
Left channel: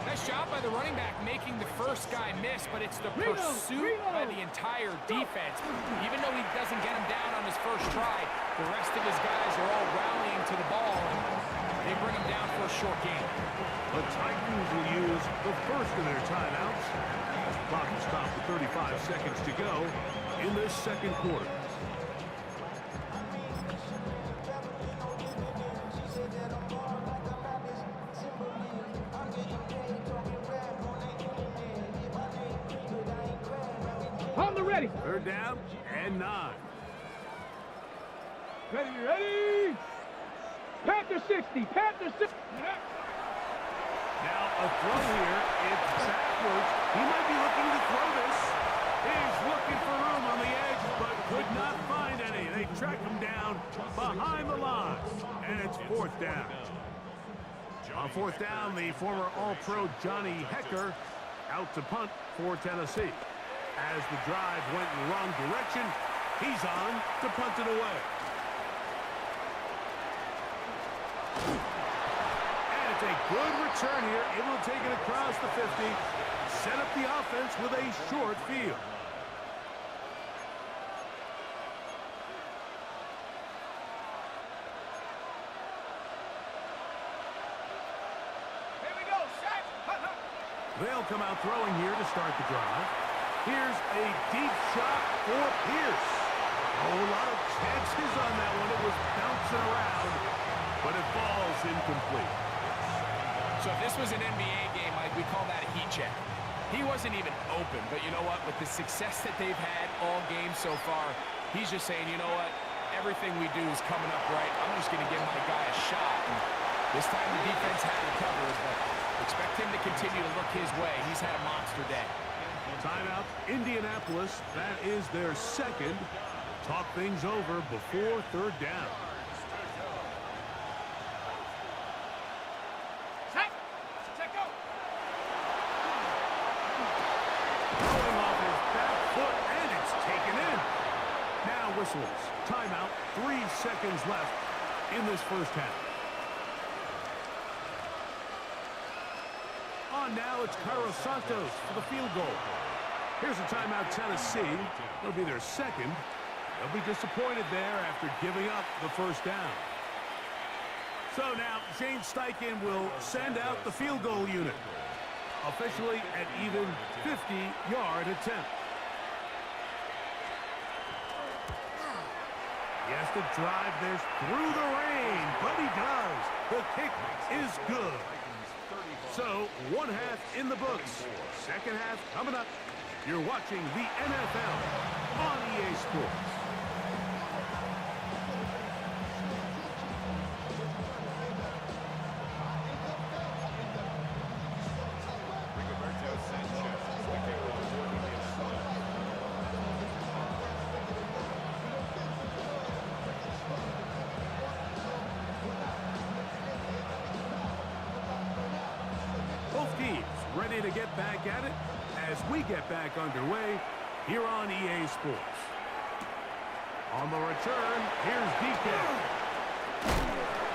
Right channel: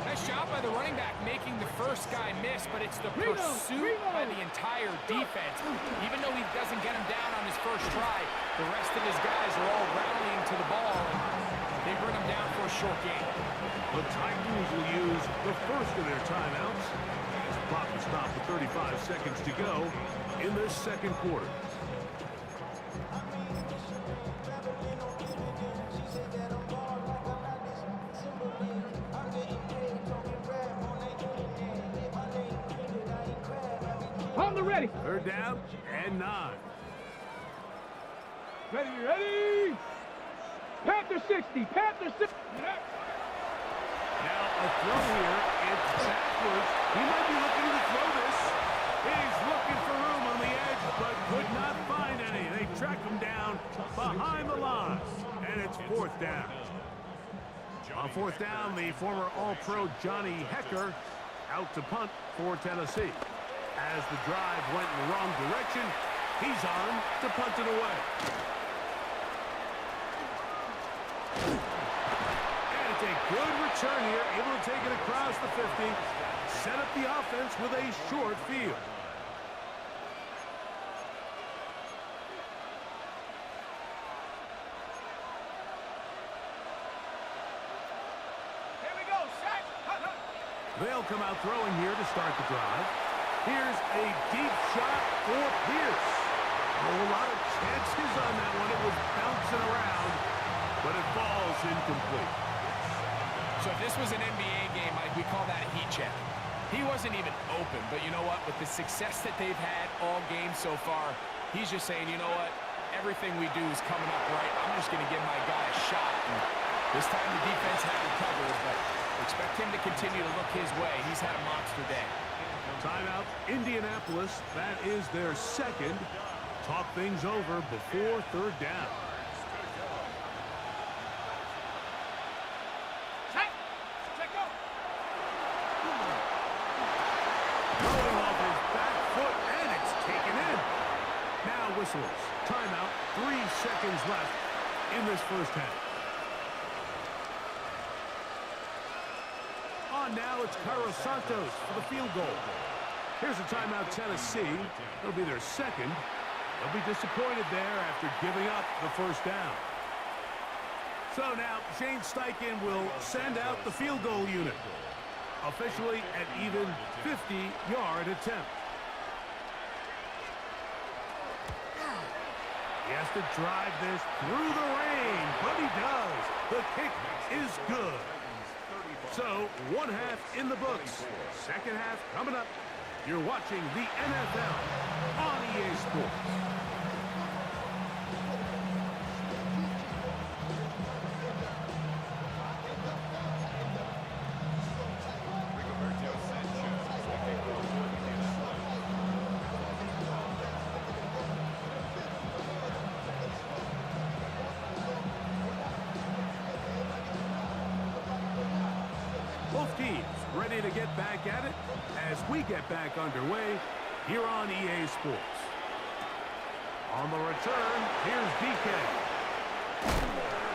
Nice job by the running back making the first guy miss, but it's the pursuit by the entire defense. Even though he doesn't get him down on his first try, the rest of his guys are all rallying to the ball, and they bring him down for a short gain. The Titans will use the first of their timeouts as the clock will stop with 35 seconds to go in this second quarter. On the ready. Third down and 9. Ready. Panther 60. Panther 60. Now a throw here. It's backwards. He might be looking to throw this. He's looking for room on the edge, but could not find any. They track him down behind the line, and it's fourth down. On fourth down, the former All-Pro Johnny Hekker out to punt for Tennessee. As the drive went in the wrong direction, he's on to punt it away. And it's a good return here, able to take it across the 50, set up the offense with a short field. Here we go. Set. They'll come out throwing here to start the drive. Here's a deep shot for Pierce. Oh, a lot of chances on that one. It was bouncing around, but it falls incomplete. So if this was an NBA game, Mike, we call that a heat check. He wasn't even open, but you know what? With the success that they've had all game so far, he's just saying, you know what? Everything we do is coming up right. I'm just going to give my guy a shot. And this time the defense had him covered, but expect him to continue to look his way. He's had a monster day. Timeout, Indianapolis. That is their second. Talk things over before third down. Set. Set go. Throwing off his back foot, and it's taken in. Now whistles. Timeout, 3 seconds left in this first half. On now, it's Cairo Santos for the field goal. Here's a timeout, Tennessee. It'll be their second. They'll be disappointed there after giving up the first down. So now, Shane Steichen will send out the field goal unit. Officially an even 50-yard attempt. He has to drive this through the rain, but he does. The kick is good. So, one half in the books. Second half coming up. You're watching the NFL on EA Sports. Rigoberto Sanchez, the kickoff for Indianapolis. Both teams ready to get back at it as we get back underway here on EA Sports. On the return, here's DK.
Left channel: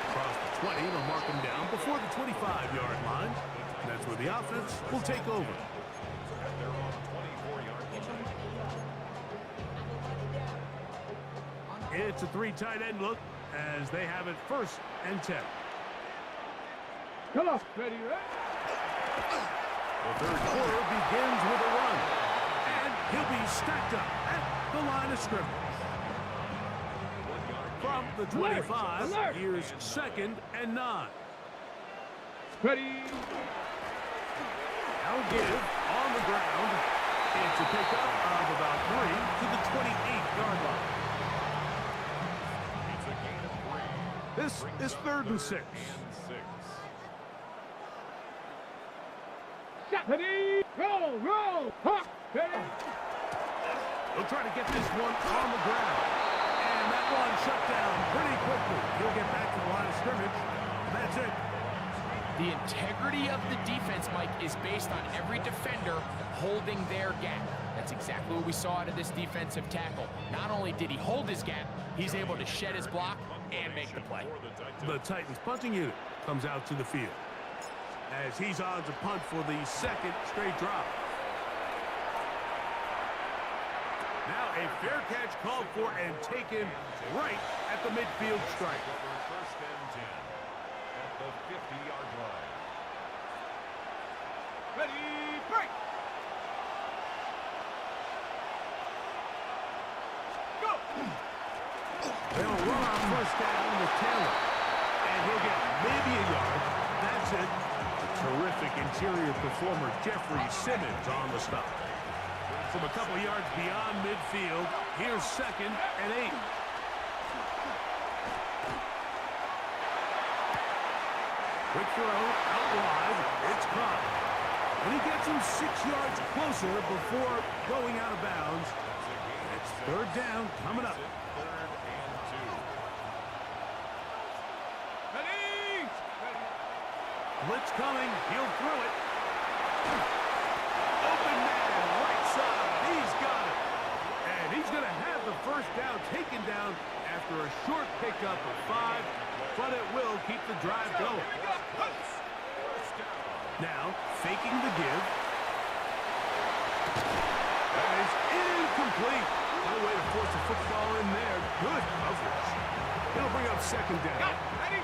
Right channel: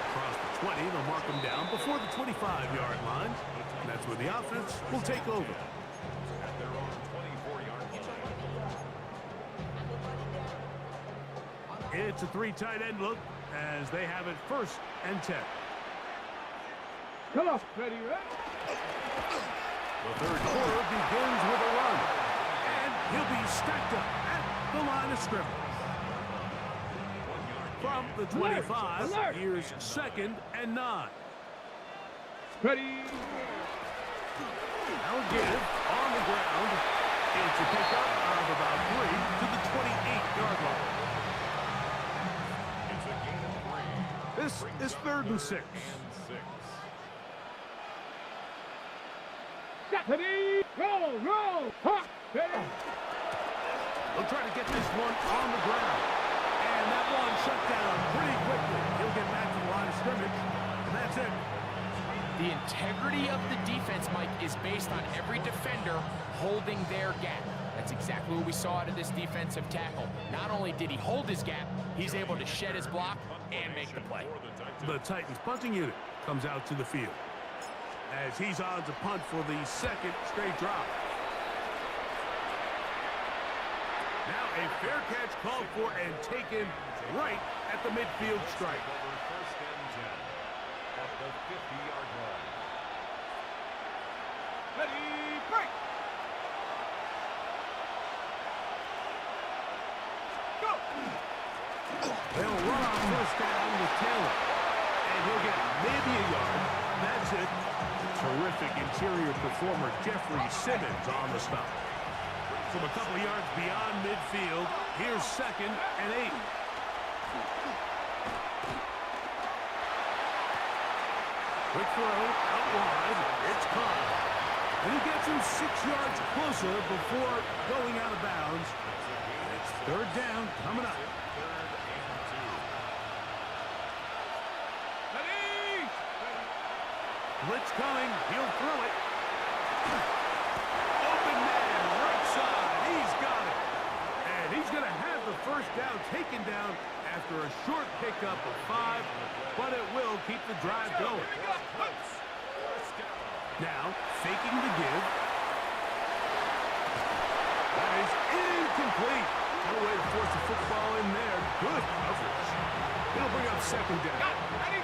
Across the 20, they'll mark him down before the 25-yard line. That's where the offense will take over. At their own 24-yard line. It's a 3 tight end look as they have it 1st and 10. Come on. Ready, right? The 3rd quarter begins with a run. And he'll be stacked up at the line of scrimmage. From the 25, here's 2nd and 9. Ready. Now give on the ground. It's a pickup of about 3 to the 28-yard line. It's a gain of 3. This is 3rd and 6. Ready. Roll. Hawk. Ready. They'll try to get this one on the ground. And that one shut down pretty quickly. He'll get back to the line of scrimmage, and that's it. The integrity of the defense, Mike, is based on every defender holding their gap. That's exactly what we saw out of this defensive tackle. Not only did he hold his gap, he's able to shed his block and make the play. The Titans punting unit comes out to the field as he's on to punt for the 2nd straight drive. Now a fair catch called for and taken right at the midfield stripe. Over 1st and 10 at the 50-yard line. Ready. Break. Go. They'll run on 1st down with Taylor. And he'll get maybe a yard. That's it. The terrific interior performer Jeffrey Simmons on the stop. From a couple yards beyond midfield, here's 2nd and 8. Quick throw out wide. It's caught. And he gets him 6 yards closer before going out of bounds. It's 3rd down coming up. 3rd and 2. Ready. Blitz coming. He'll throw it. Open man, right side. He's got it. And he's going to have the 1st down taken down after a short pickup of 5, but it will keep the drive going. Now, faking the give. That is incomplete. No way to force the football in there. Good coverage. It'll bring up 2nd down. Ready.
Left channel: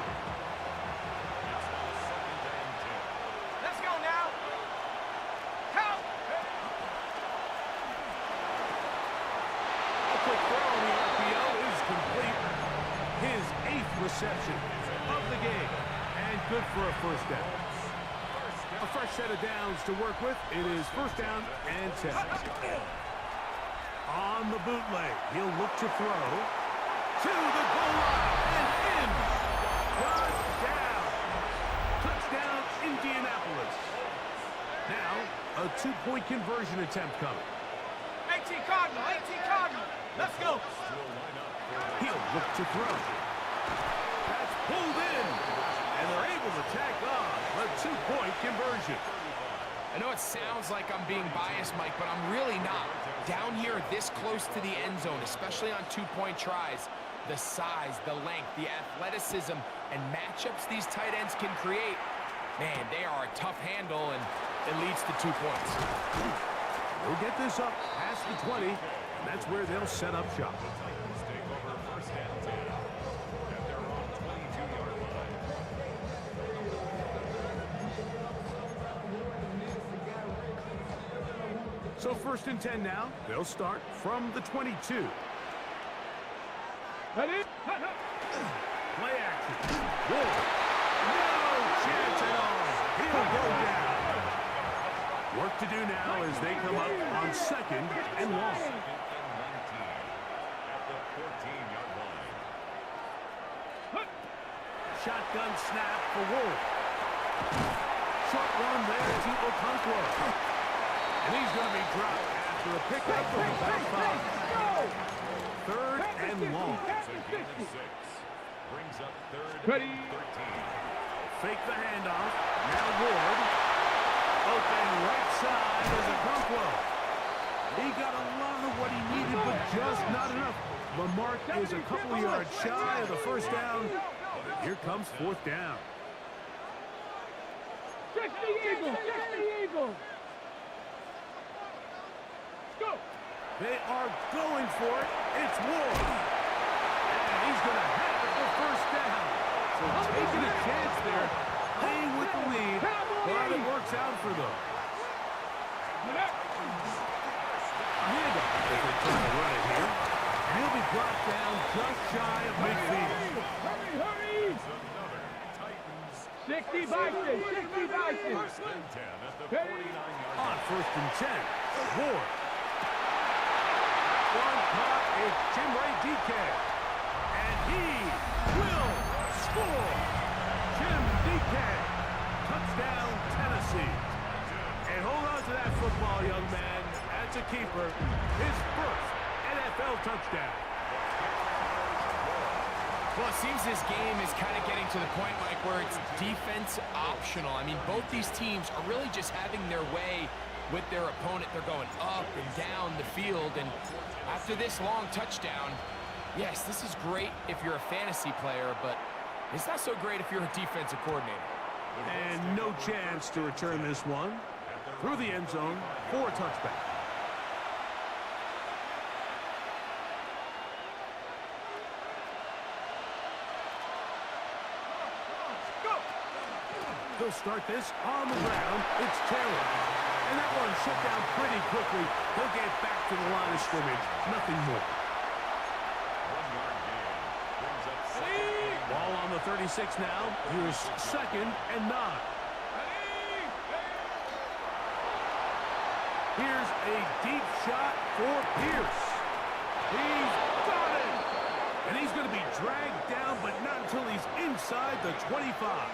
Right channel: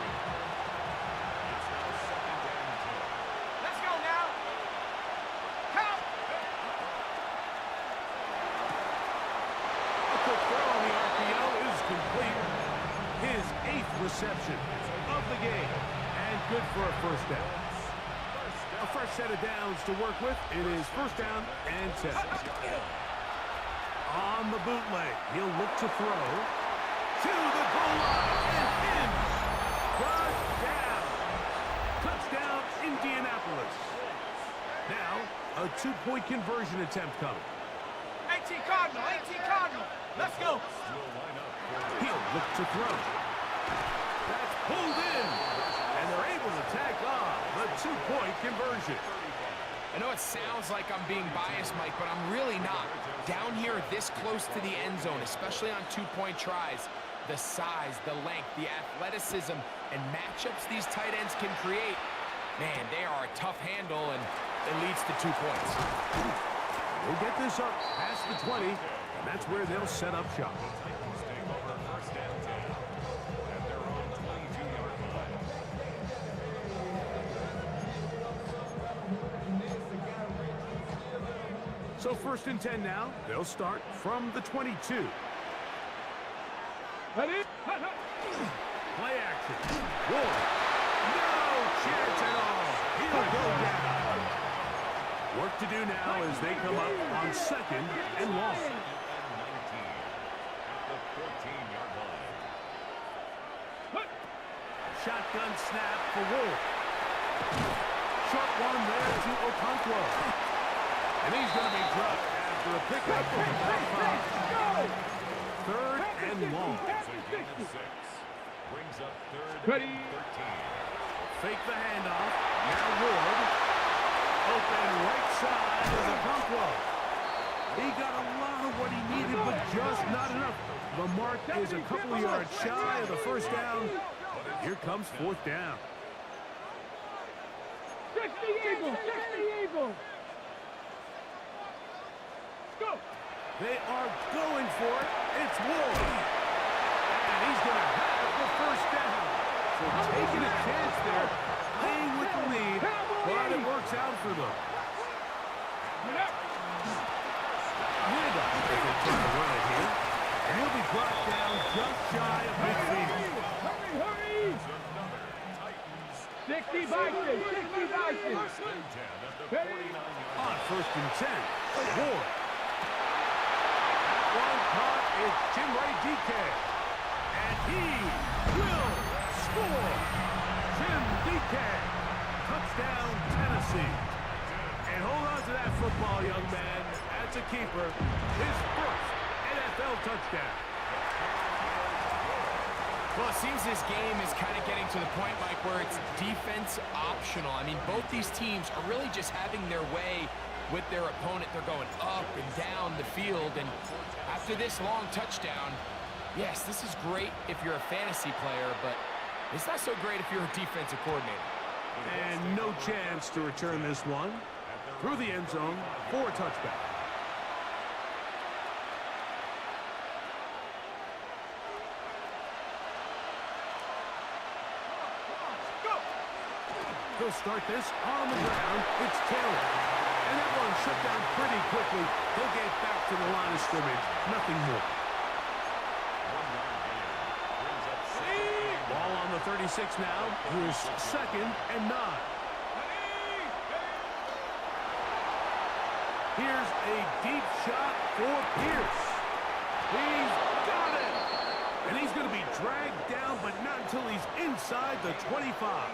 It's now 2nd and 10. Let's go now. Count. A quick throw on the RPO is complete. His 8th reception of the game. And good for a 1st down. A fresh set of downs to work with. It is 1st down and 10. On the bootleg, he'll look to throw. To the goal line and in. Got down. Touchdown, Indianapolis. Now, a 2-point conversion attempt coming. 18 Cardinal. Let's go. He'll look to throw. That's pulled in. And they're able to tack on the 2-point conversion. I know it sounds like I'm being biased, Mike, but I'm really not. Down here this close to the end zone, especially on 2-point tries, the size, the length, the athleticism, and matchups these tight ends can create, man, they are a tough handle, and it leads to 2 points. They'll get this up past the 20, and that's where they'll set up shop. The Titans take over 1st and 10 at their own 22-yard line. So 1st and 10 now. They'll start from the 22. Ready. Play action. Ward. No chance at all. He'll go down. Work to do now as they come up on 2nd and long. 2nd and 19 at the 14-yard line. Shotgun snap for Ward. Short one there to Okonkwo. And he's going to be dropped after a pickup of about 5. 3rd and long. It's a gain of 6. Brings up 3rd Ready. and 13. Fake the handoff. Now Ward. Open right side is Okonkwo. He got a lot of what he needed, but just not enough. The mark is a couple of yards shy of the 1st down. Here comes 4th down. 60 Eagles. Go. They are going for it. It's Ward. he's going to have the first down. So taking a chance there, playing with the lead, but it works out for them. Handoff as they try to run it here. And he'll be brought down just shy of midfield. Hurry! 60 Vikings! 60 Vikings! First and 10 at the 49-yard line. On first and 10, Ward. That one caught is Chimere Dike. And he will score. Jim Dike. Touchdown, Tennessee. And hold on to that football, young man. As a keeper, his first NFL touchdown. Well, it seems this game is kind of getting to the point, Mike, where it's defense optional. I mean, both these teams are really just having their way with their opponent. They're going up and down the field, and after this long touchdown, yes, this is great if you're a fantasy player, but it's not so great if you're a defensive coordinator. And no chance to return this one through the end zone for a touchback. They'll start this on the ground. It's Taylor. And that one shut down pretty quickly. He'll get back to the line of scrimmage. Nothing more. 1 yard gain. Brings up second. Ball on the 36 now. Here's 2nd and 9. Here's a deep shot for Pierce. He's got it. And he's going to be dragged down, but not until he's inside the 25.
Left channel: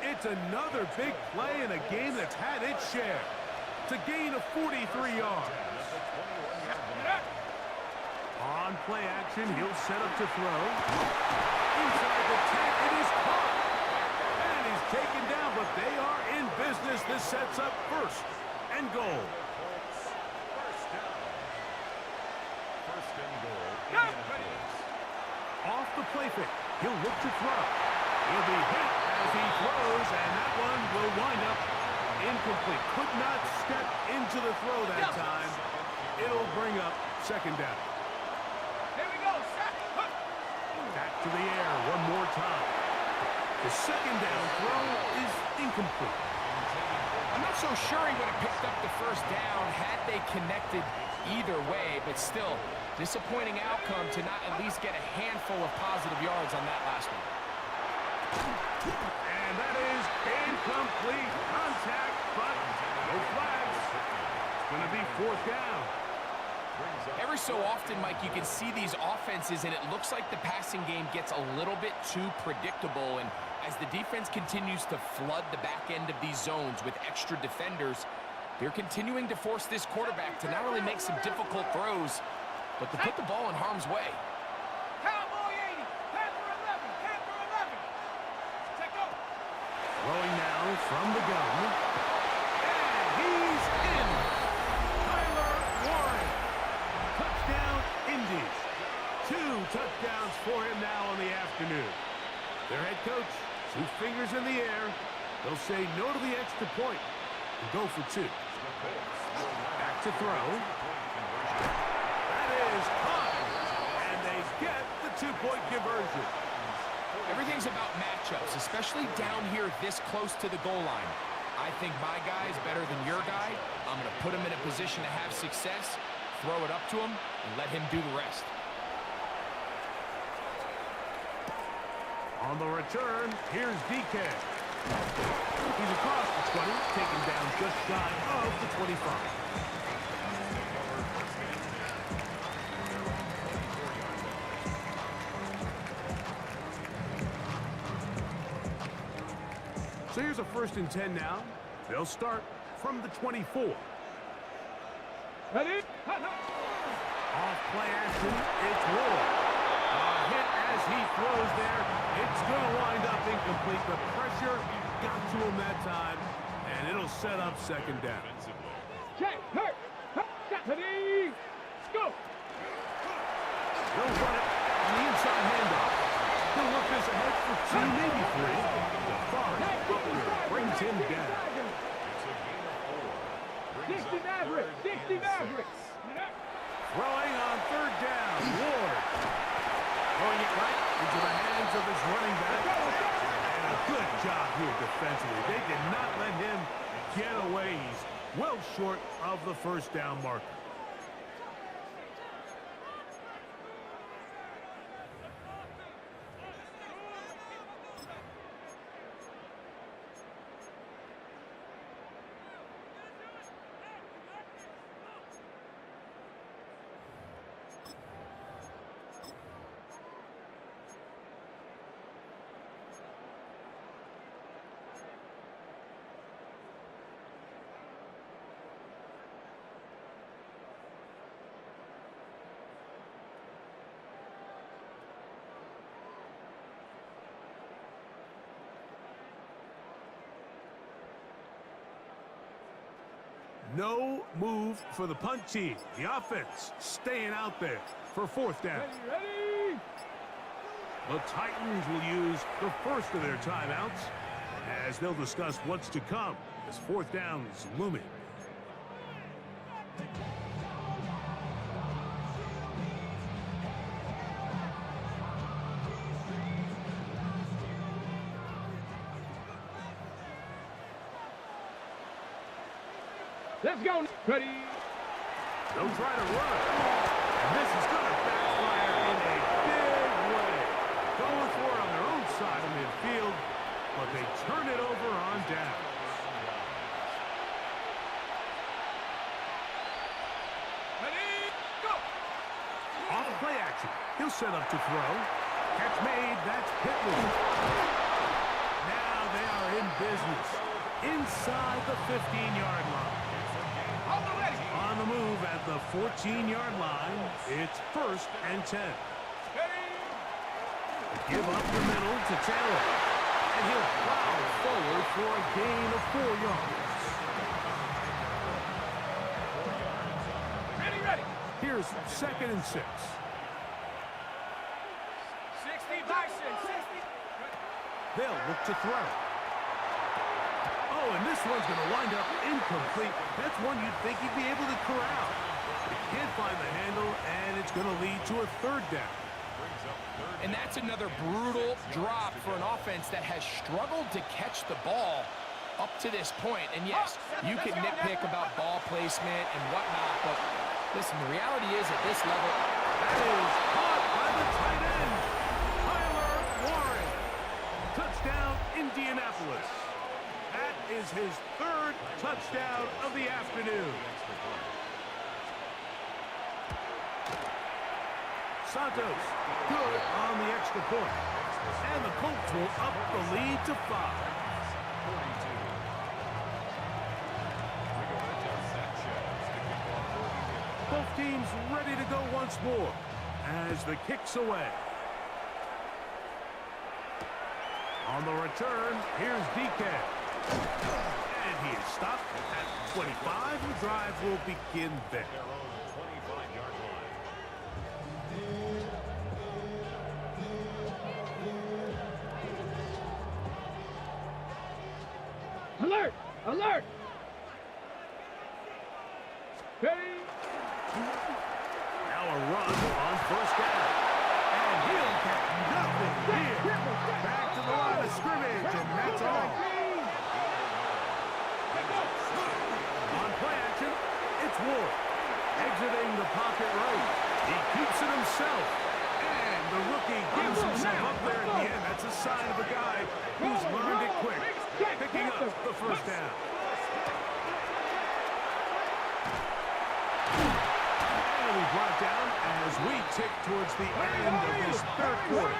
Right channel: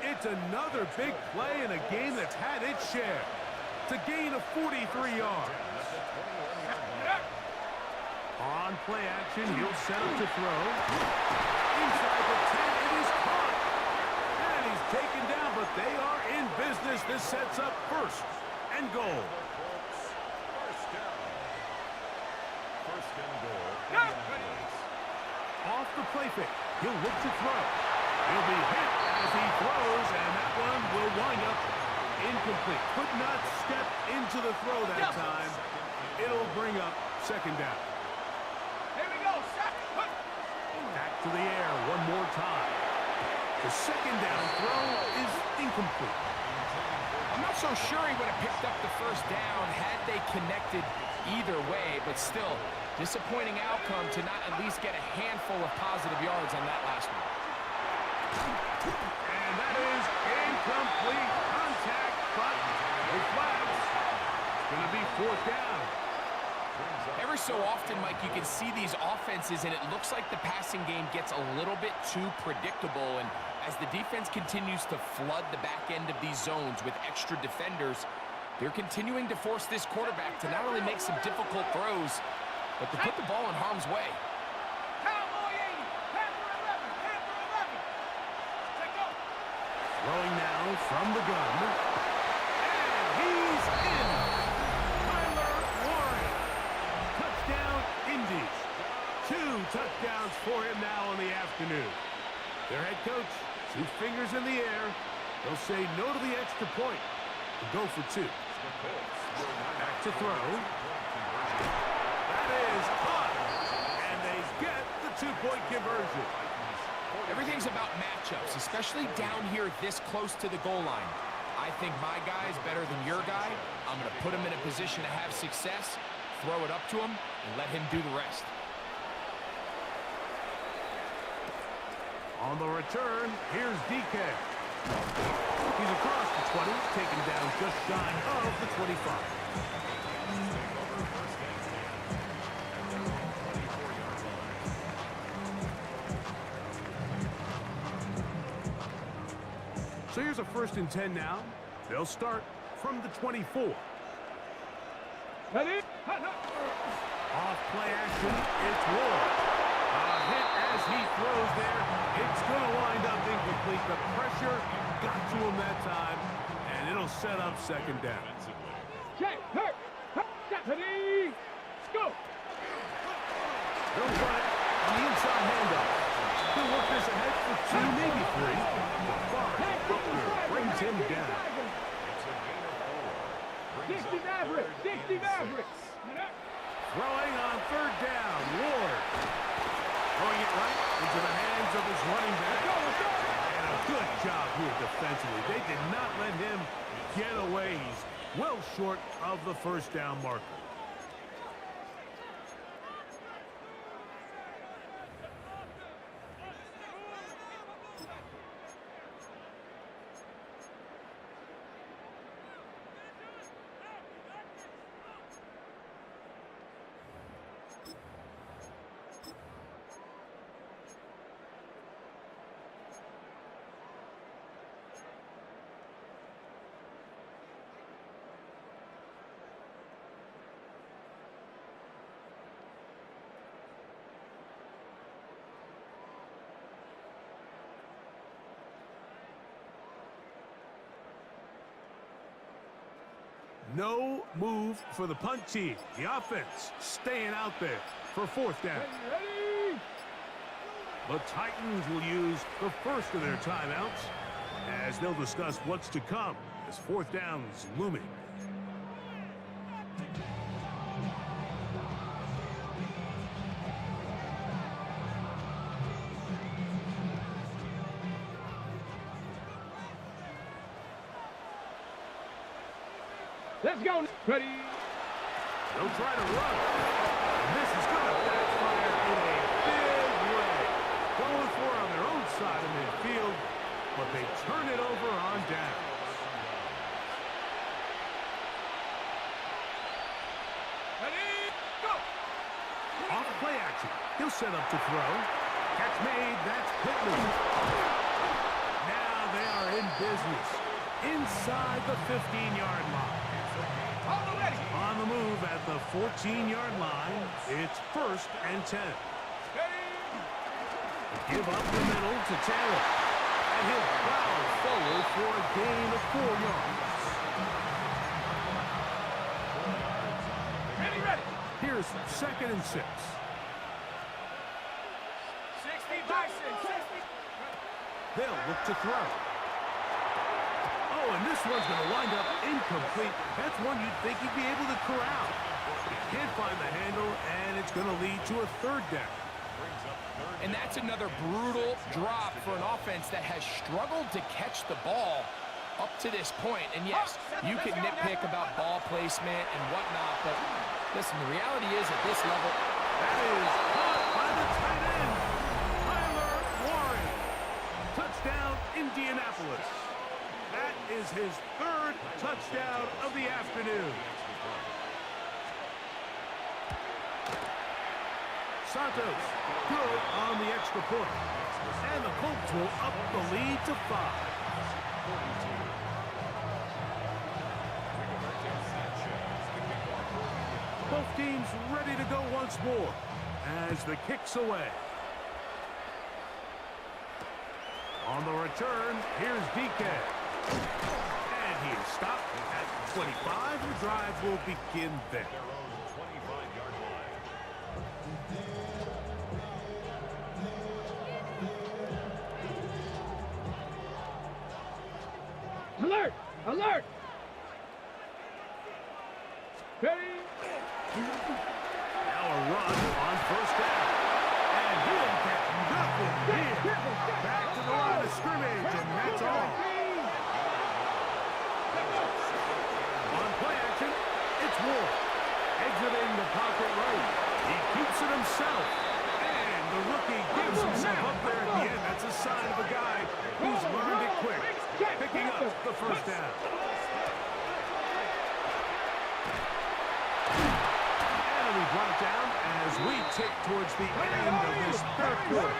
It's another big play in a game that's had its share. To gain of 43 yards. On play action, he'll set up to throw. Inside the 10, it is caught. And he's taken down, but they are in business. This sets up 1st and goal. First down. 1st and goal. Indianapolis. Off the play fake, he'll look to throw. He'll be hit as he throws, and that one will wind up incomplete. Could not step into the throw that time. It'll bring up 2nd down. Here we go, second. Back to the air one more time. The 2nd down throw is incomplete. I'm not so sure he would have picked up the 1st down had they connected either way, but still, disappointing outcome to not at least get a handful of positive yards on that last one. And that is incomplete contact, but no flags. It's going to be 4th down. Every so often, Mike, you can see these offenses, and it looks like the passing game gets a little bit too predictable, and as the defense continues to flood the back end of these zones with extra defenders, they're continuing to force this quarterback to not only make some difficult throws, but to put the ball in harm's way. Cowboy 80, Panther 11, Panther 11. Take go. Throwing now from the gun. And he's in. Tyler Warren. Touchdown, Indies. 2 touchdowns for him now in the afternoon. Their head coach, 2 fingers in the air. They'll say no to the extra point and go for 2. Back to throw. That is caught. And they get the 2-point conversion. Everything's about matchups, especially down here this close to the goal line. I think my guy is better than your guy. I'm going to put him in a position to have success, throw it up to him, and let him do the rest. On the return, here's DK. He's across the 20, taken down just shy of the 25. Take over 1st and 10 at their own 24-yard line. So here's a 1st and 10 now. They'll start from the 24. Ready? Off play action, it's Ward. A hit as he throws there. It's going to wind up incomplete. The pressure got to him that time, and it'll set up 2nd down. Check, hurt, ready, go. They'll run it on the inside handoff. He'll work this ahead for 2, maybe 3. DeForest Buckner brings him down. It's a gain of 4. 60 Mavericks, 60 Mavericks. Throwing on 3rd down, Ward. Throwing it right into the hands of his running back. And a good job here defensively. They did not let him get away. He's well short of the first down marker. No move for the punt team. The offense staying out there for fourth down. Ready. The Titans will use the first of their timeouts as they'll discuss what's to come as fourth down is looming. Let's go. Ready. They'll try to run. And this is going to backfire in a big way. Going for it on their own side of midfield, but they turn it over on downs. Ready. Go. Off play action. He'll set up to throw. Catch made. That's Pittman. Now they are in business. Inside the 15-yard line. On the move at the 14-yard line, it's 1st and 10. Give up the middle to Taylor. And he'll plow forward for a gain of 4 yards. Ready. Here's 2nd and 6. 60 Bison. 60. They'll look to throw. Oh, and this one's going to wind up incomplete. That's one you'd think he'd be able to corral. He can't find the handle, and it's going to lead to a 3rd down. And that's another brutal drop for an offense that has struggled to catch the ball up to this point. And yes, you can nitpick about ball placement and whatnot, but listen, the reality is at this level, that is caught by the tight end, Tyler Warren. Touchdown, Indianapolis. That is his 3rd touchdown of the afternoon. Santos, good on the extra point. And the Colts will up the lead to 5. Both teams ready to go once more as the kick's away. On the return, here's DK. And he is stopped at 25. The drive will begin there. Their own 25-yard line. Alert. Alert. Ready. Now a run on 1st down. And he'll get nothing here. Back to the line of scrimmage, and that's all. On play action, it's Ward. Exiting the pocket right. He keeps it himself. And the rookie gives himself up there at the end. That's a sign of a guy who's learned it quick. Picking up the 1st down. And it'll be brought down as we tick towards the end of this 3rd quarter.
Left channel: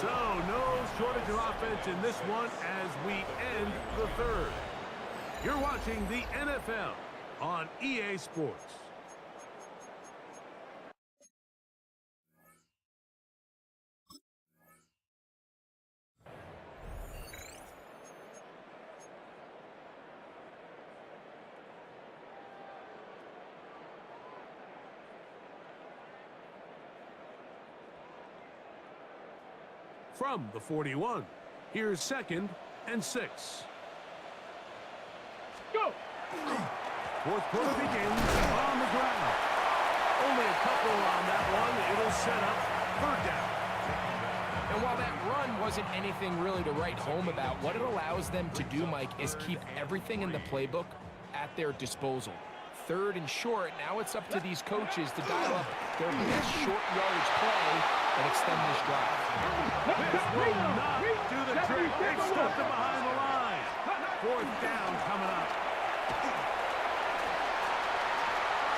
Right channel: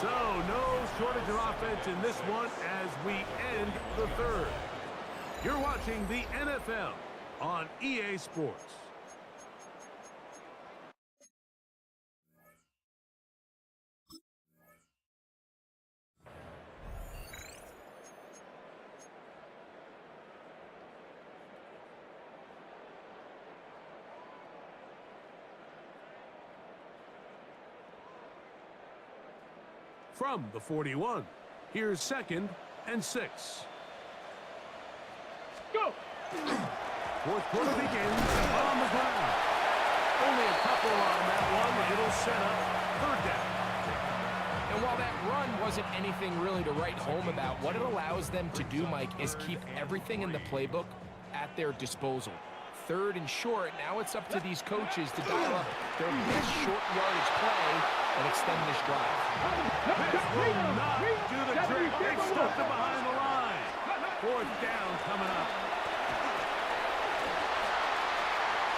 So, no shortage of offense in this one as we end the 3rd. You're watching the NFL on EA Sports. From the 41, here's 2nd and 6. Go. 4th quarter begins on the ground. Only a couple on that one. It'll set up third down. And while that run wasn't anything really to write home about, what it allows them to do, Mike, is keep everything in the playbook at their disposal. Third and short, now it's up to these coaches to dial up their best short yardage play and extend this drive. This will not do the trick. They've stuffed it behind the line. Fourth down coming up.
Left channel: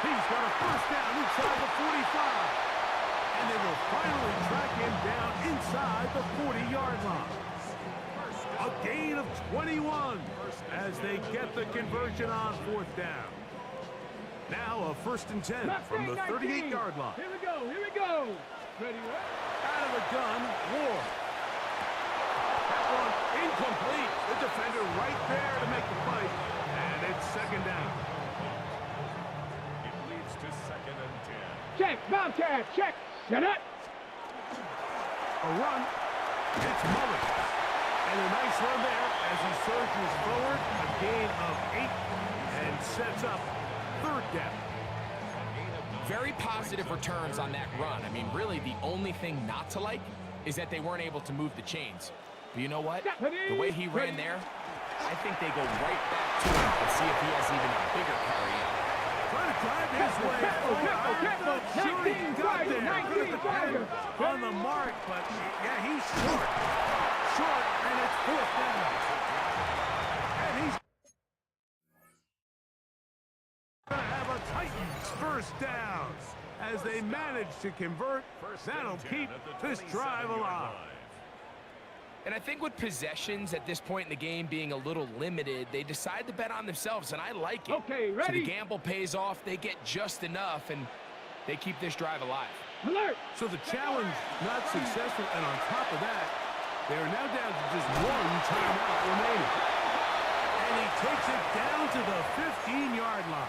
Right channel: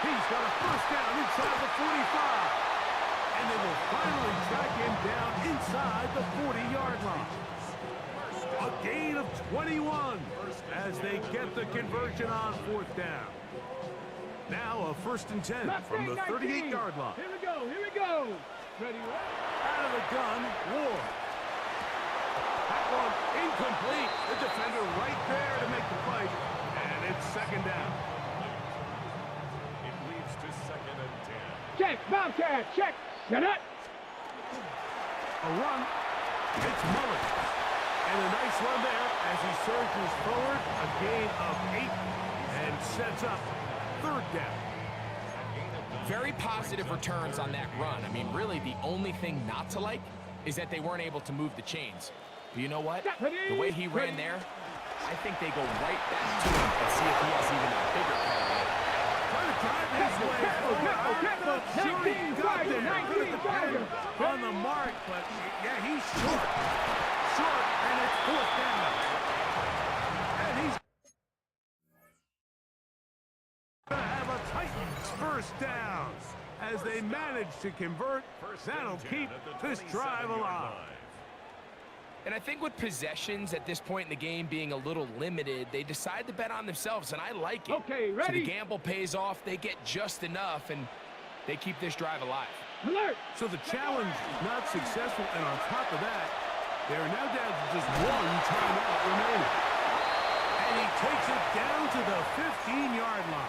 He's got a first down inside the 45. And they will finally track him down inside the 40-yard line. A gain of 21 as they get the conversion on fourth down. Now a 1st and 10 from the 38-yard line. Here we go, here we go. Ready, Out of the gun, Ward. That one incomplete. The defender right there to make the fight. And it's 2nd down. It leads to 2nd and 10. check, Bobcat, check. Set up. A run. It's Mullins. And a nice run there as he surges forward. A gain of 8 and sets up 3rd down. Very positive returns on that run. I mean, really, the only thing not to like is that they weren't able to move the chains. But you know what? The way he ran there, I think they go right back to him and see if he has even a bigger carry in. Trying to drive his way forward. I'm not sure he got there. Good defender on the mark, but yeah, he's short. Short, and it's 4th down. And he's going to have a Titans 1st down as they manage to convert. That'll keep this drive alive. And I think with possessions at this point in the game being a little limited, they decide to bet on themselves, and I like it. Okay, So ready? the gamble pays off, they get just enough, and they keep this drive alive. Alert. So the challenge not successful, and on top of that, they are now down to just 1 timeout remaining. And he takes it down to the 15-yard line.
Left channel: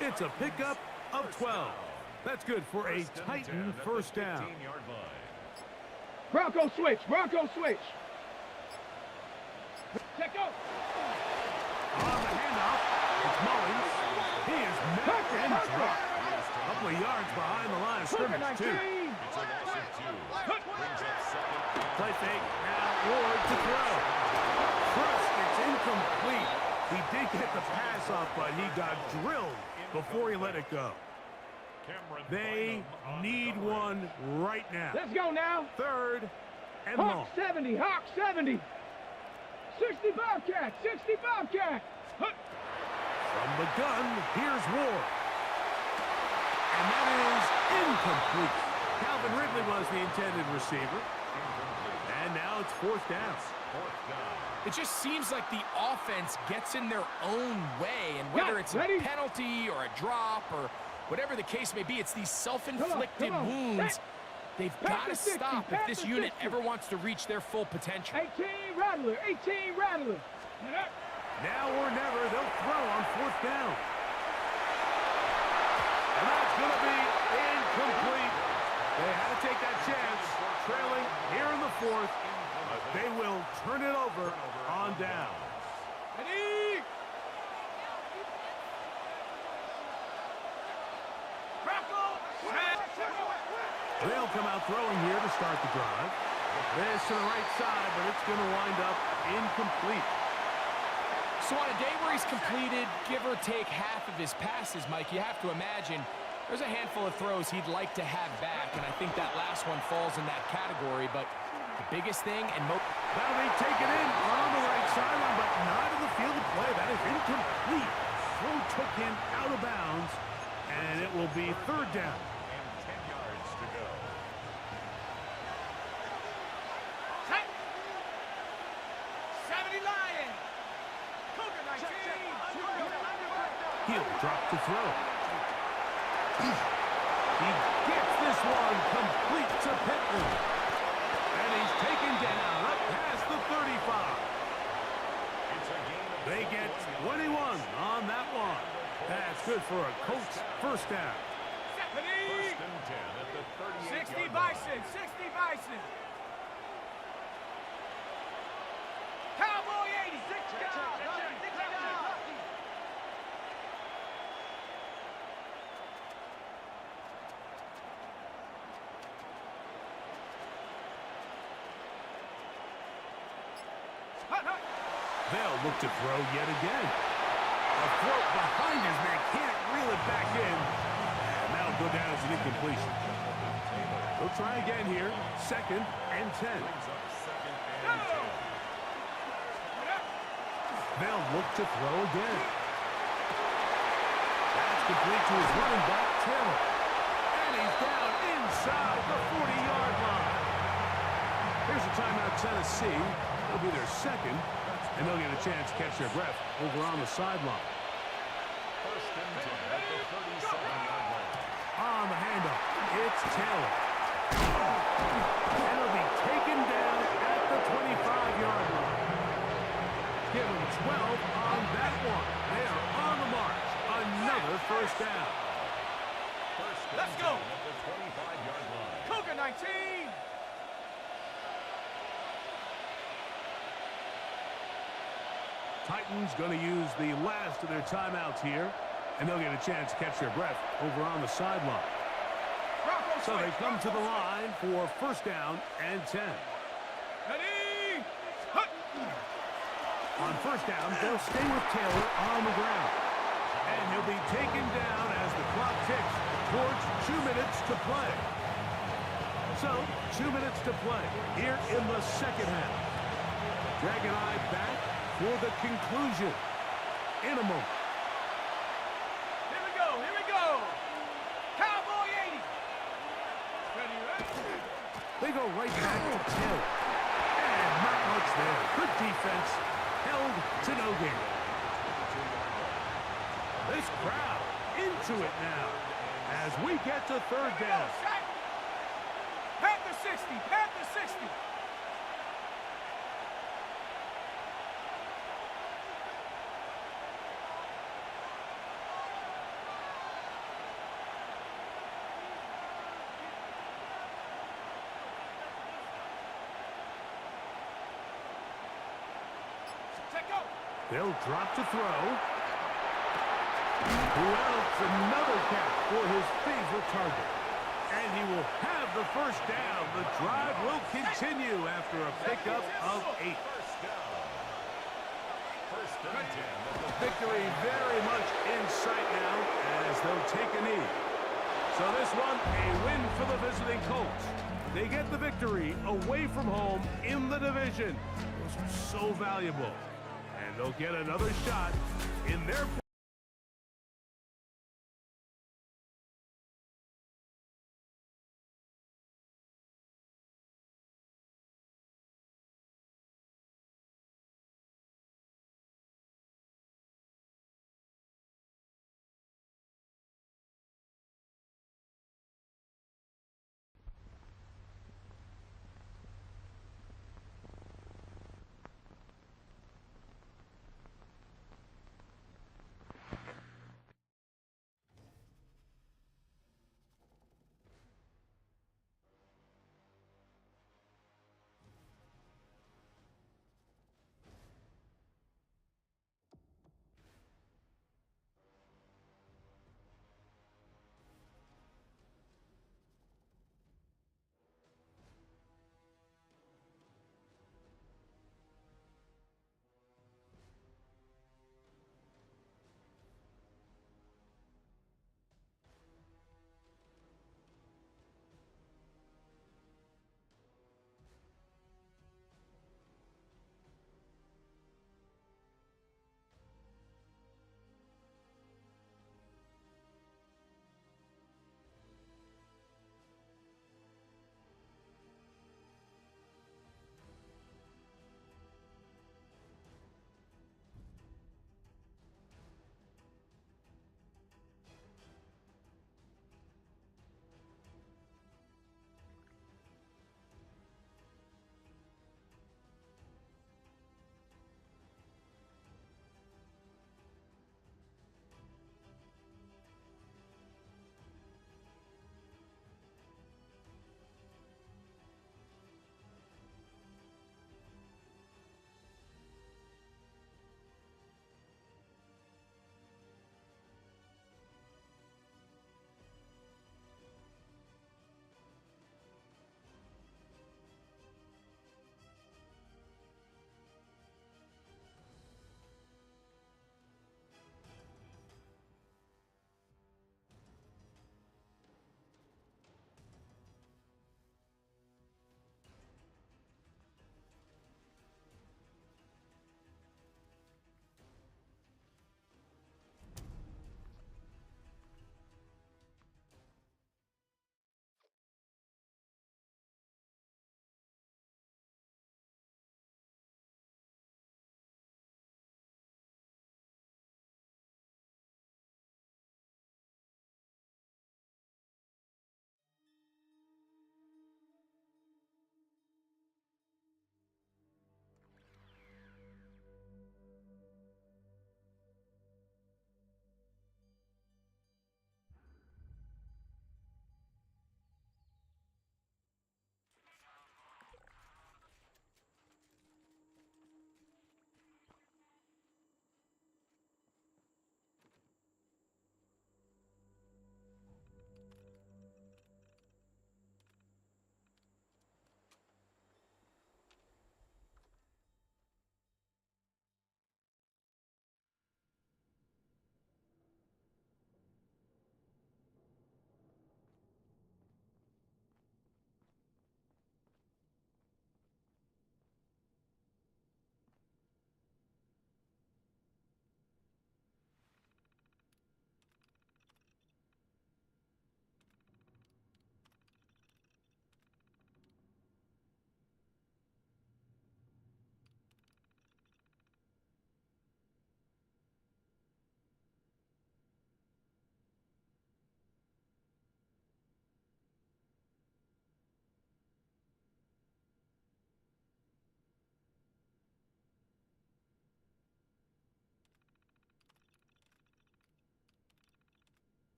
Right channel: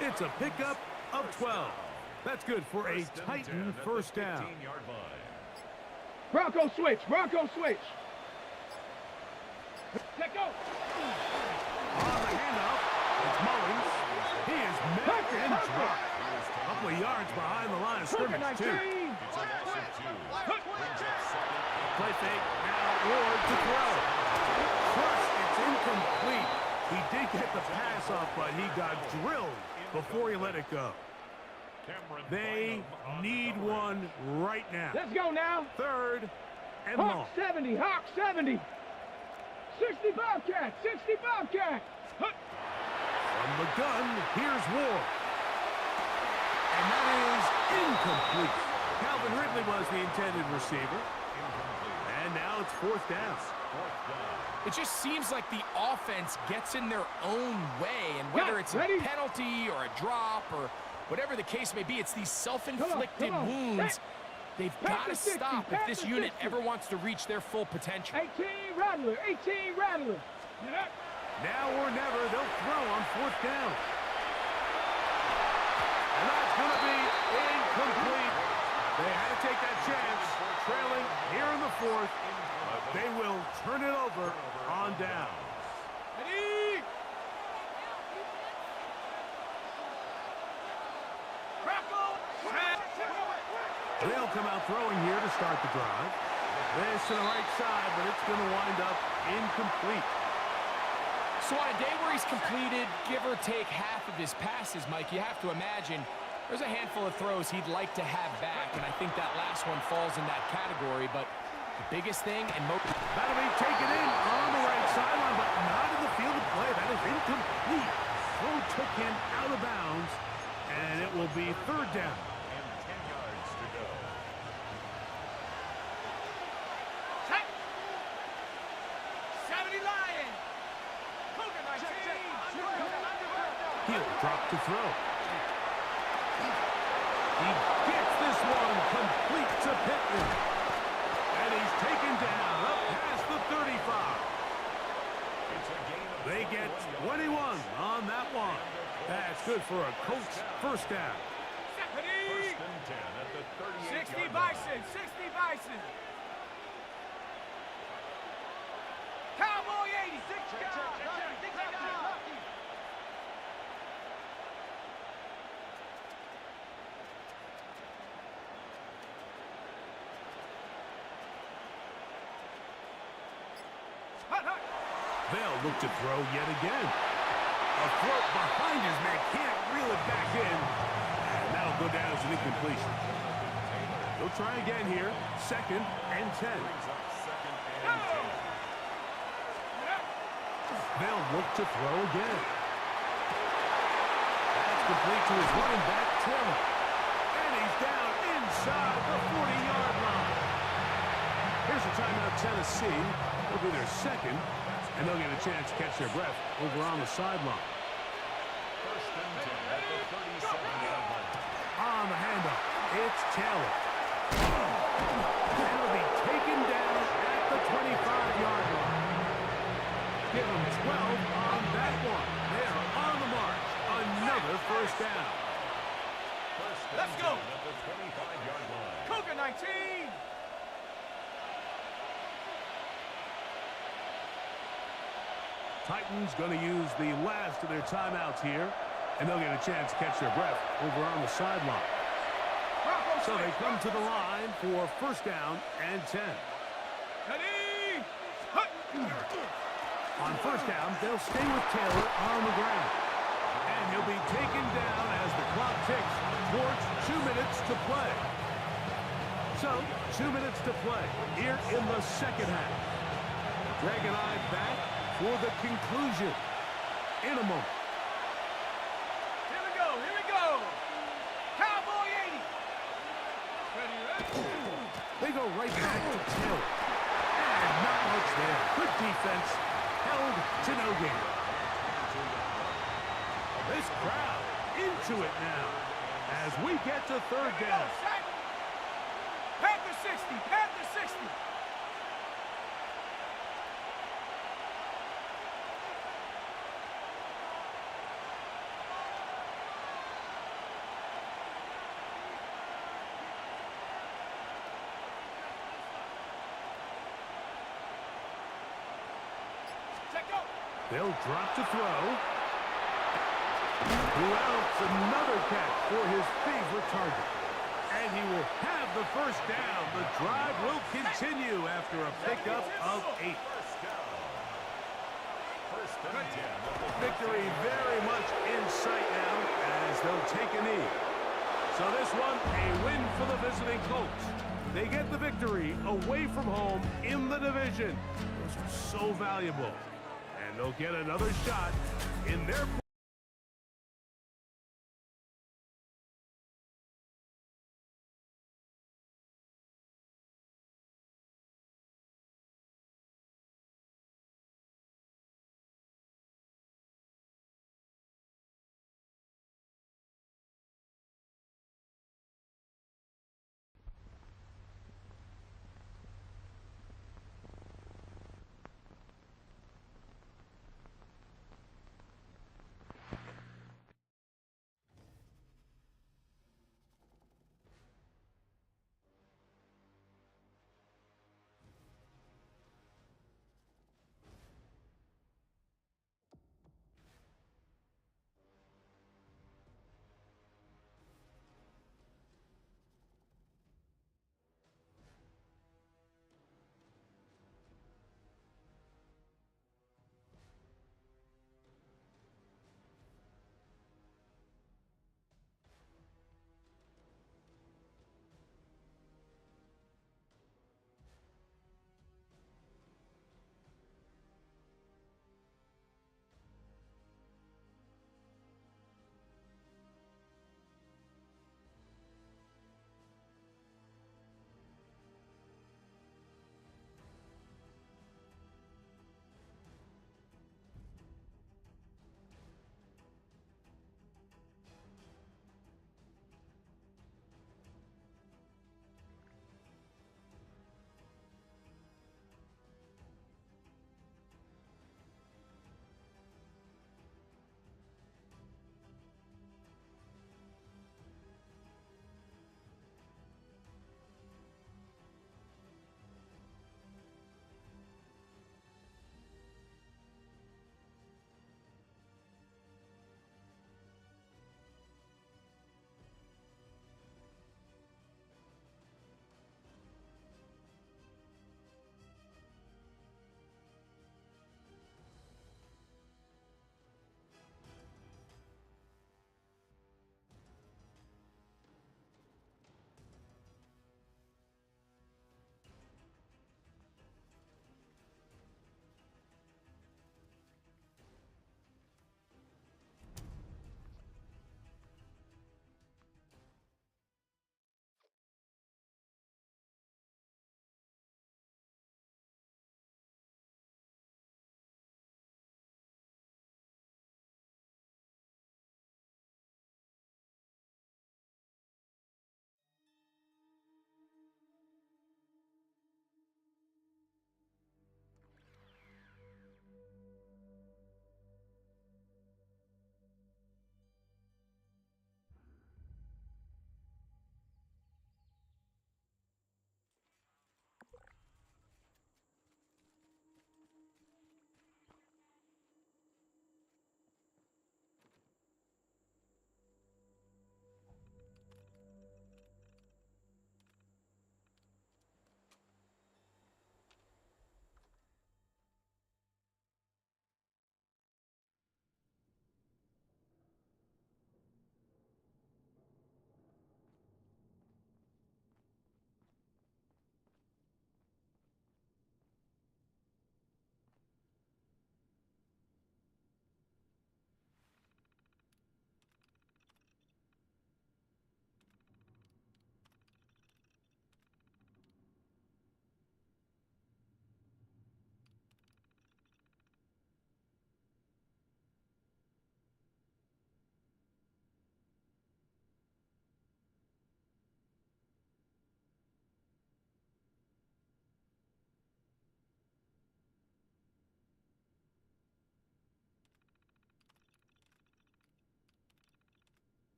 It's a pickup of 12. That's good for a Titan 1st down. Bronco switch, Bronco switch. Check out. On the handoff, it's Mullins. He is met and dropped. A couple of yards behind the line of scrimmage, too. Play fake, now Ward to throw. Trust, it's incomplete. He did get the pass off, but he got drilled before he let it go. They need one right now. Let's go now. 3rd and long. Hawk 70, Hawk 70. 60 Bobcat, 60 Bobcat. Huck. From the gun, here's Ward. And that is incomplete. Calvin Ridley was the intended receiver. And now it's 4th down. It just seems like the offense gets in their own way, and whether it's a penalty or a drop or whatever the case may be, it's these self-inflicted wounds. They've got to stop if this unit ever wants to reach their full potential. 18 Rattler, 18 Rattler. Now or never, they'll throw on 4th down. And that's going to be incomplete. They had to take that chance. Trailing here in the 4th. They will turn it over on down. Ready? They'll come out throwing here to start the drive. This to the right side, but it's going to wind up incomplete. So on a day where he's completed, give or take half of his passes, Mike, you have to imagine there's a handful of throws he'd like to have back, and I think that last one falls in that category. But the biggest thing, and that'll be taken in on the right sideline, but not in the field of play. That is incomplete. Throw took him out of bounds, and it will be 3rd down. And 10 yards to go. Set. 70 Lion. Cougar 19. He'll drop to throw. He gets this one complete to Pittman. And he's taken down up past the 35. It's a gain of They get 21 on that one. That's good for a Colts 1st down. 1st and 10 at the 38-yard 60 line. Bison, 60 Bison. Cowboy 80. Hot, hot. They'll look to throw yet again. A throw behind his man, can't reel it back in. And that'll go down as an incompletion. They'll try again here. 2nd and 10. Brings up 2nd and 10. They'll look to throw again. That's complete to his running back, Taylor. And he's down inside the 40-yard line. Here's a timeout, Tennessee. It'll be their 2nd, and they'll get a chance to catch their breath over on the sideline. 1st and 10 at the 37-yard line. On the handoff, it's Taylor. And it'll be taken down at the 25-yard line. Give them 12 on that one. They are on the march. Another first down. Let's go. At the 25-yard line. Cougar 19. Titans going to use the last of their timeouts here, and they'll get a chance to catch their breath over on the sideline. So they come to the line for 1st down and 10. Ready. Hut. On 1st down, they'll stay with Taylor on the ground. And he'll be taken down as the clock ticks towards 2 minutes to play. So, 2 minutes to play here in the 2nd half. Greg and I back for the conclusion in a moment. Here we go. Here we go. Cowboy 80. Ready, ready. They go right back to Taylor. And not much there. Good defense. Held to no gain. This crowd into it now as we get to 3rd down. Panther 60. Panther 60. Check go. They'll drop to throw. Who else? Another catch for his favorite target. And he will have the 1st down. The drive will continue after a pickup of 8. 1st down. 1st and 10 at the Victory very much in sight now as they'll take a knee. So this one, a win for the visiting Colts. They get the victory away from home in the division. Those are so valuable. And they'll get another shot in their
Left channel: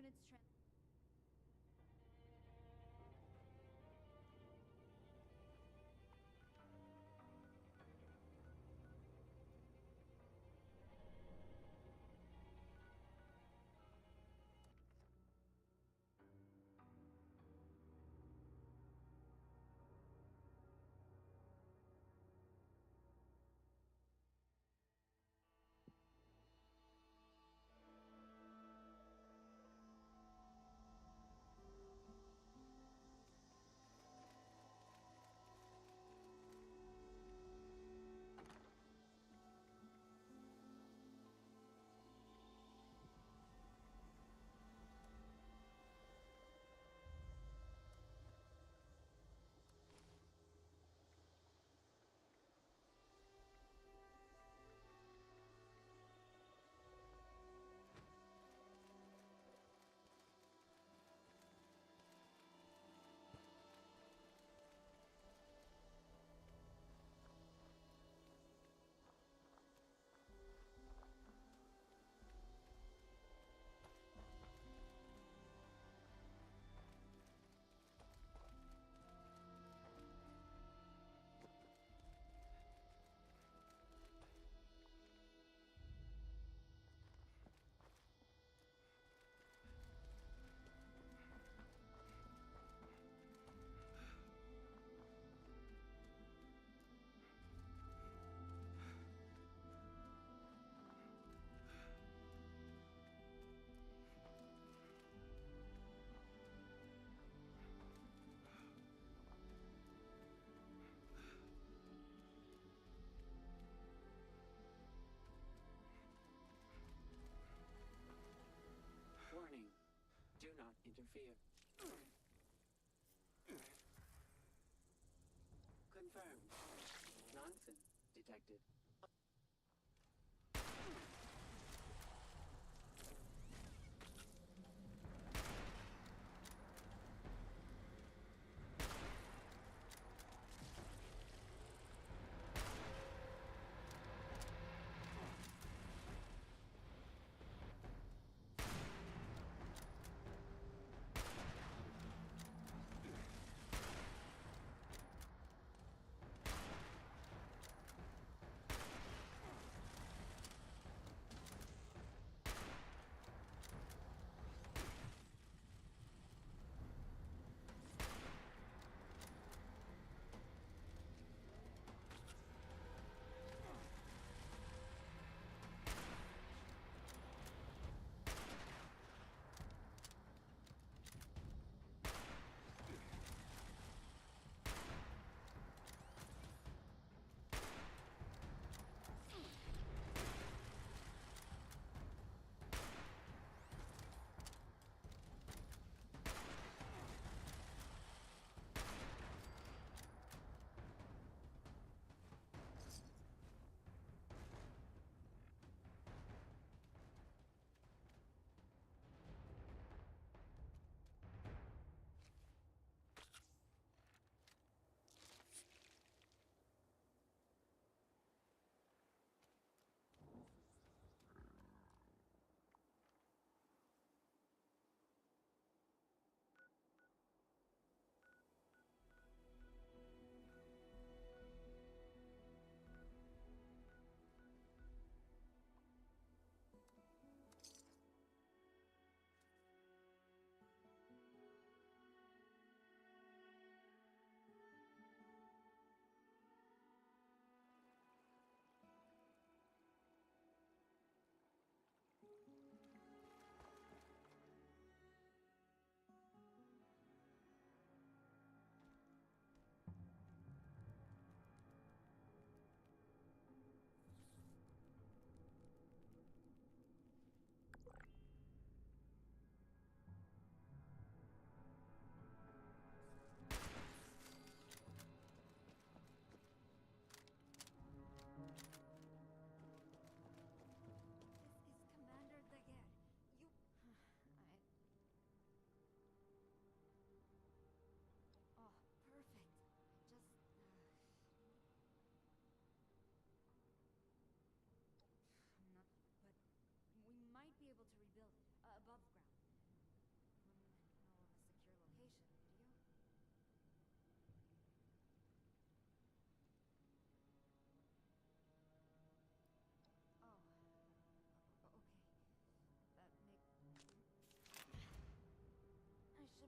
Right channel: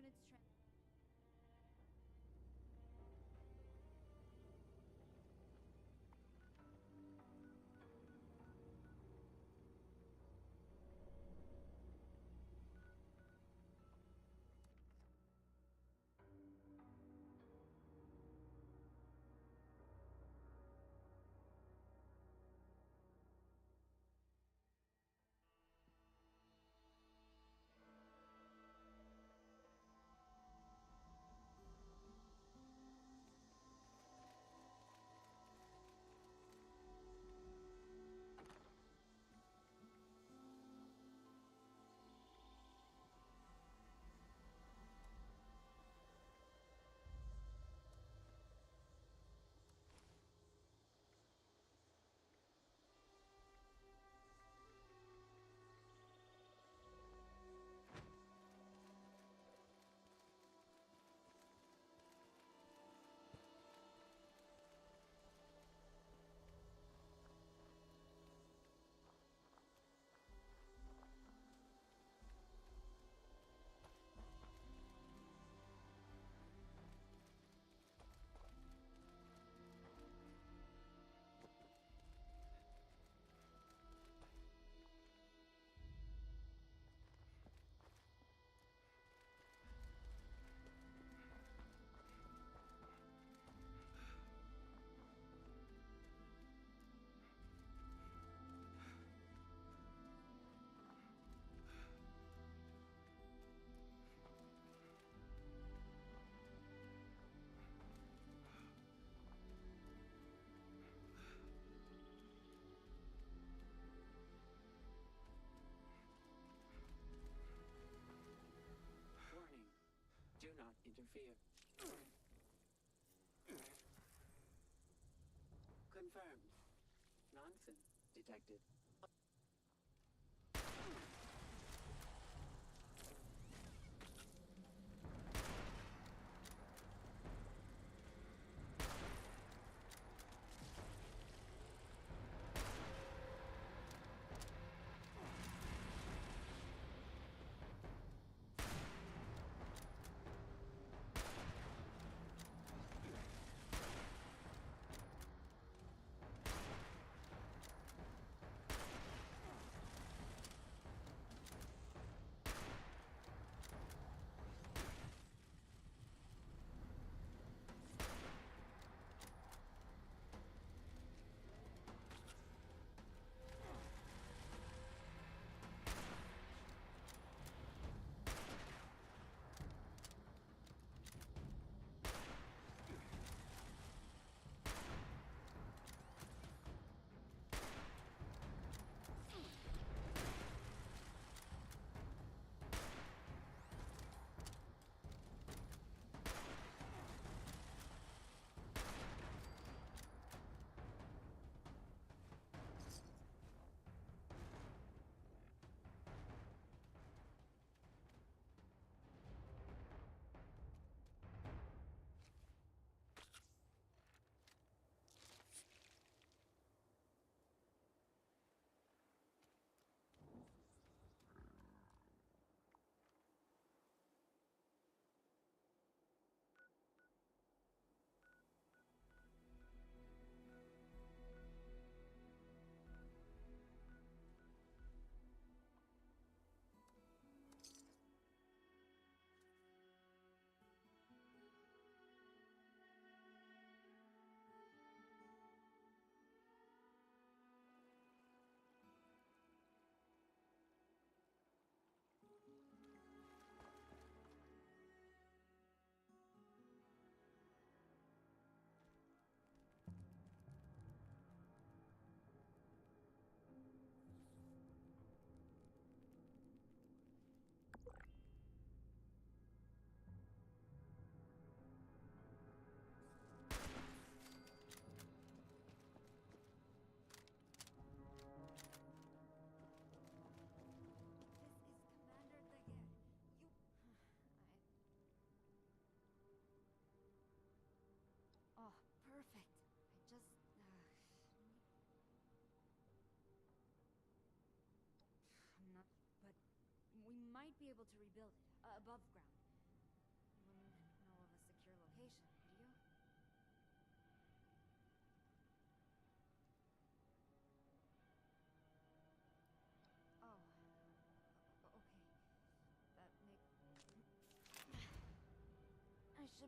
units trans. Warning. Do not interfere. Confirmed. Nonsense detected.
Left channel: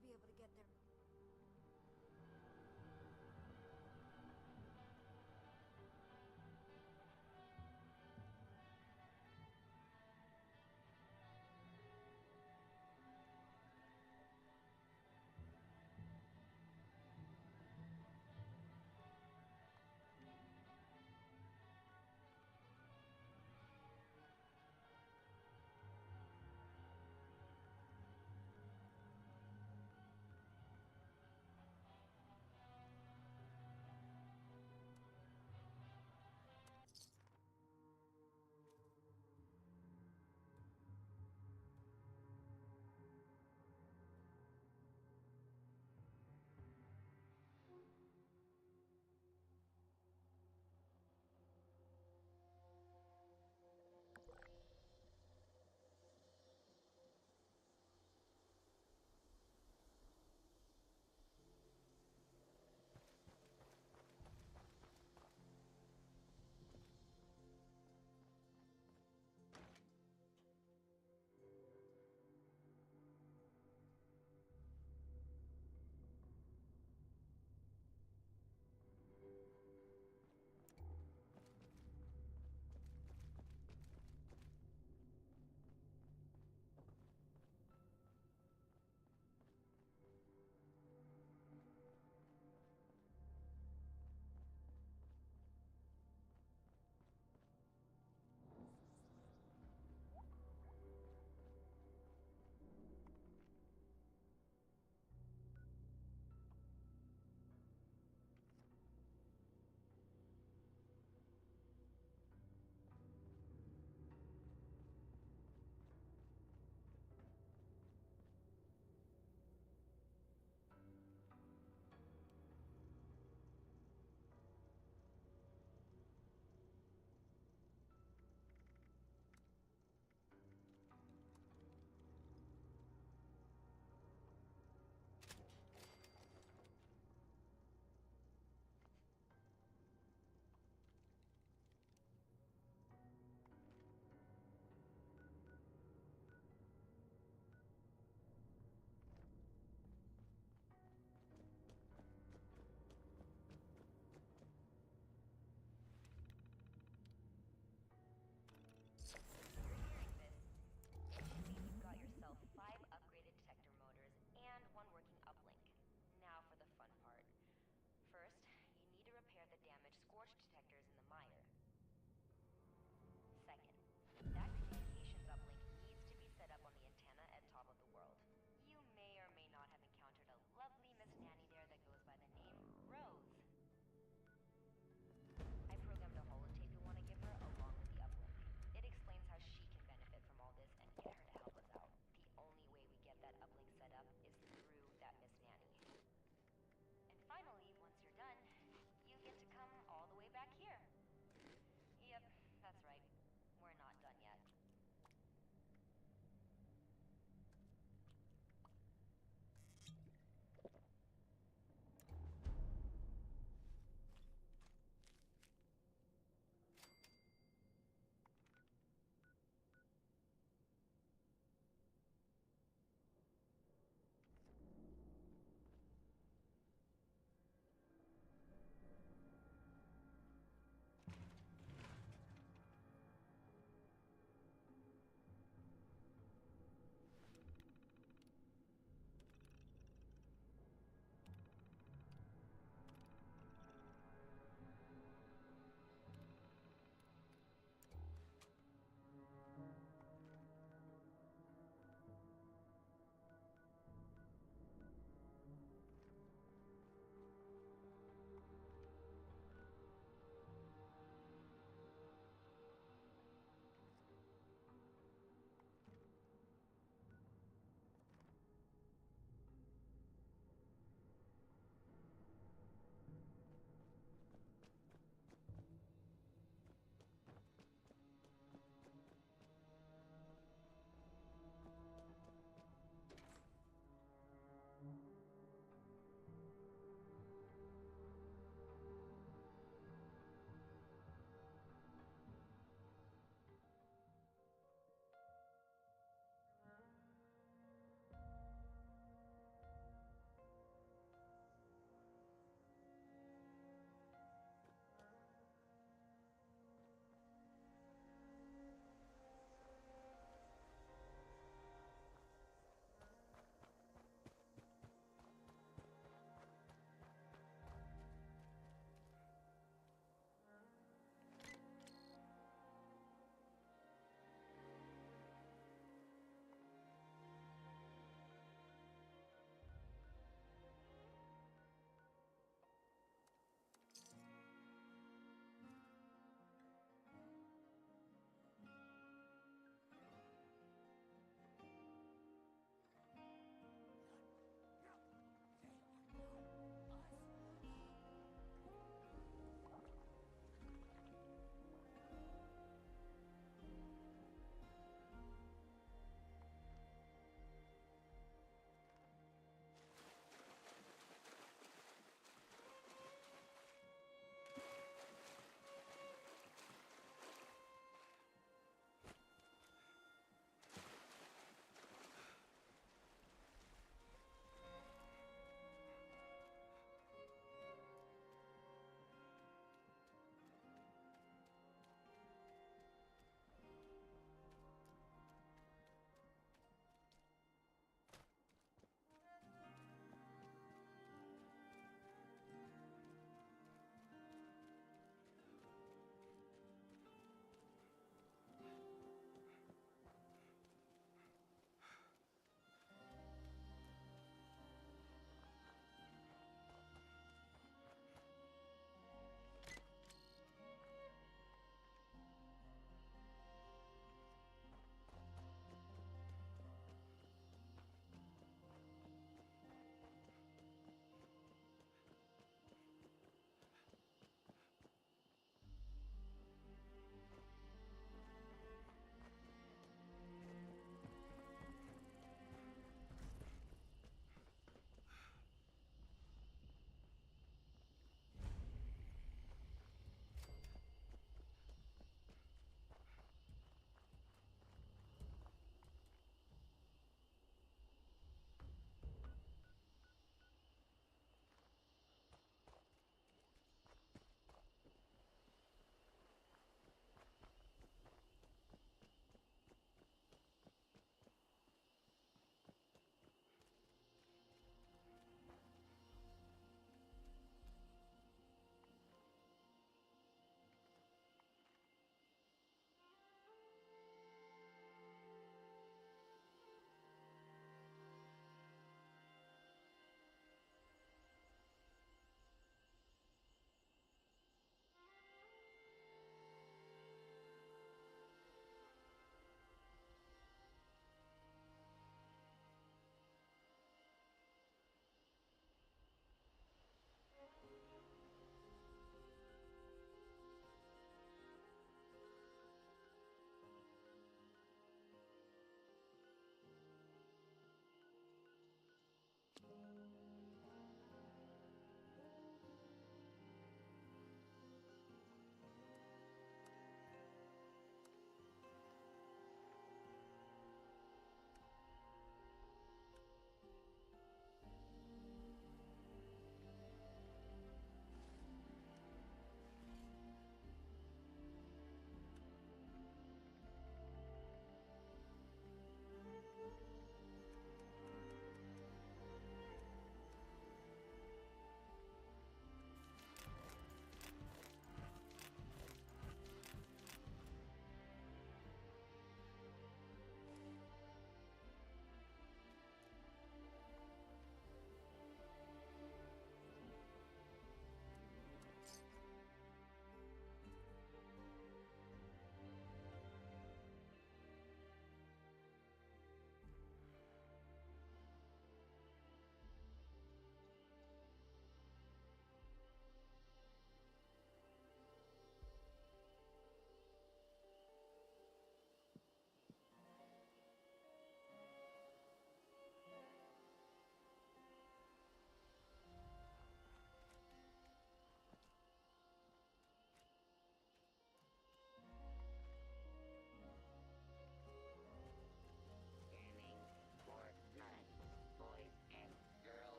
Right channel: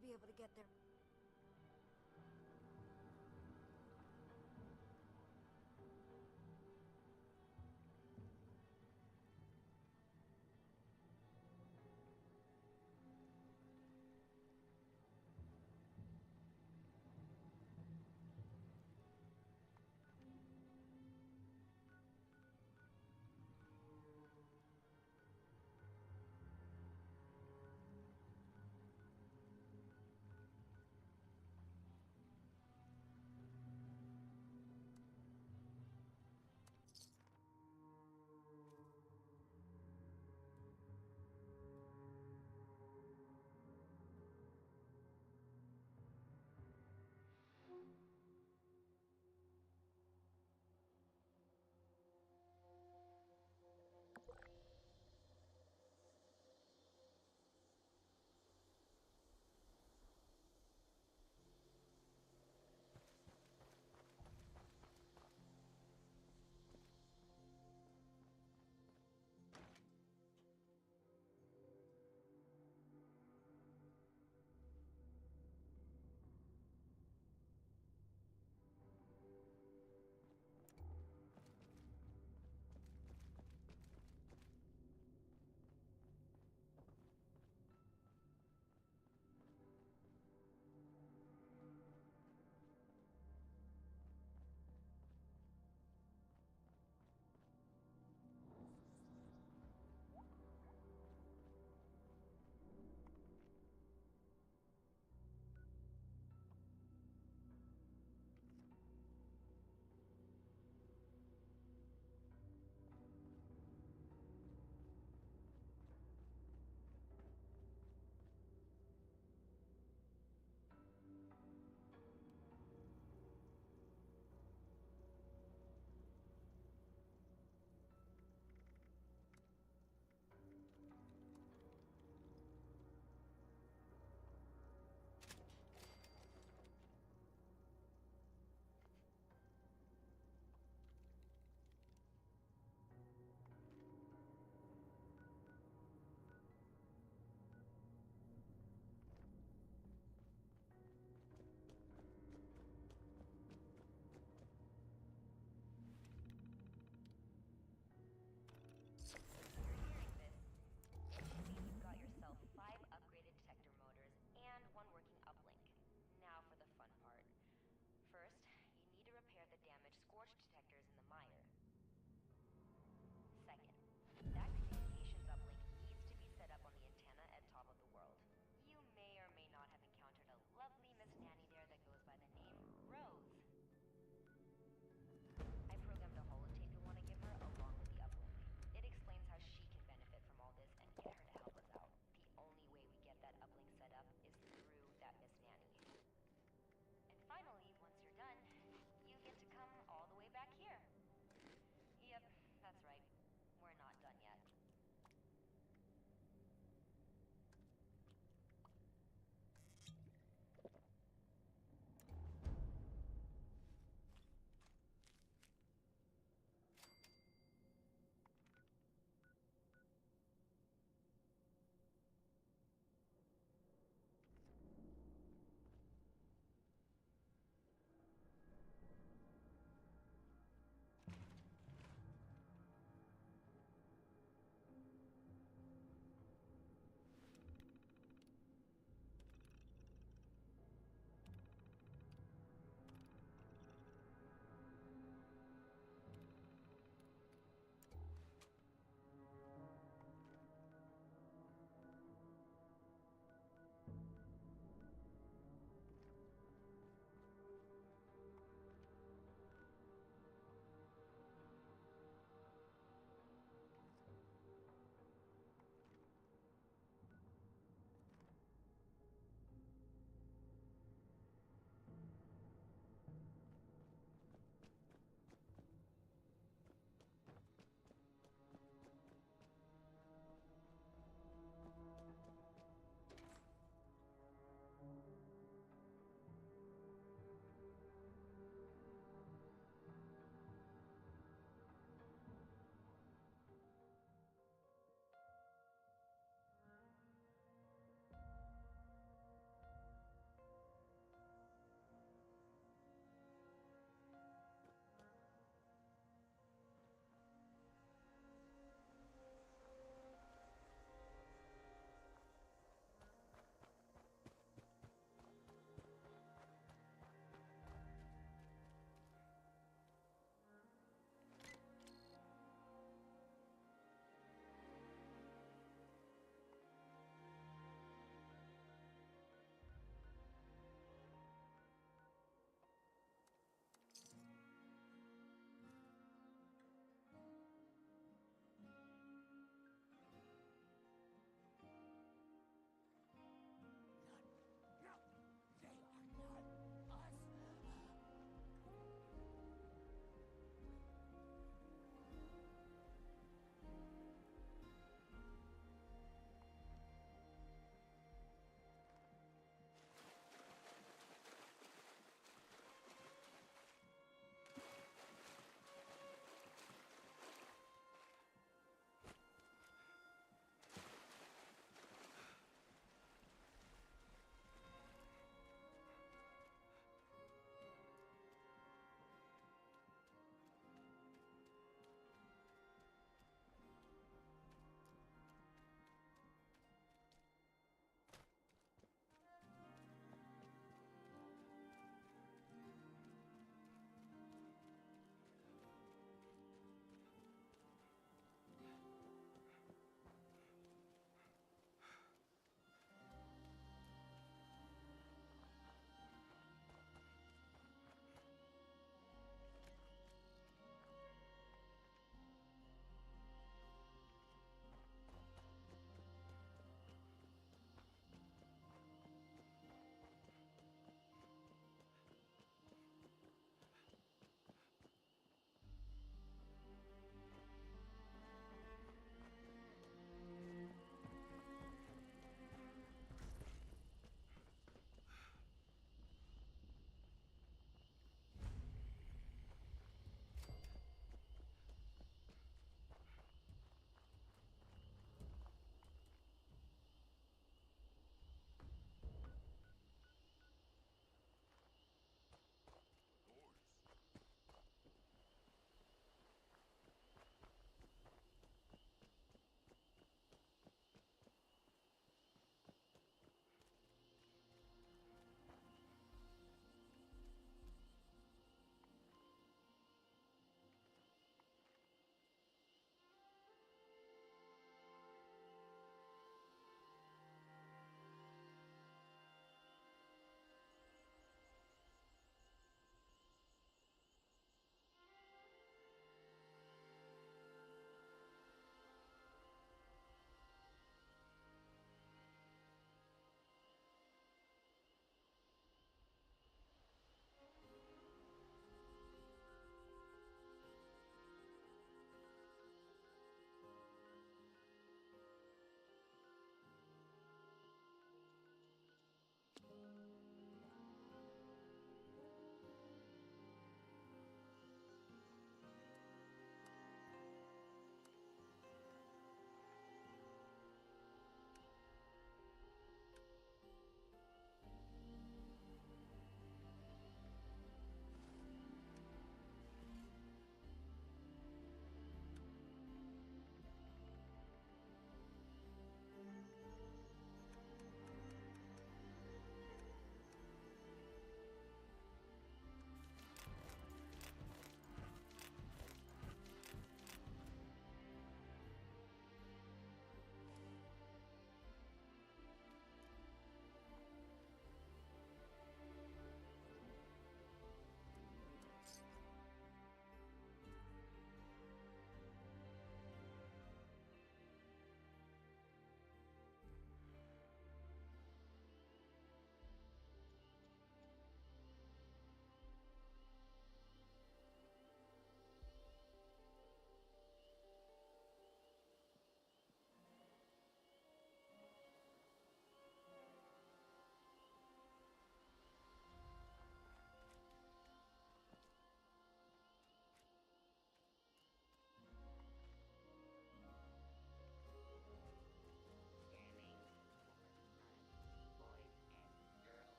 be able to get there.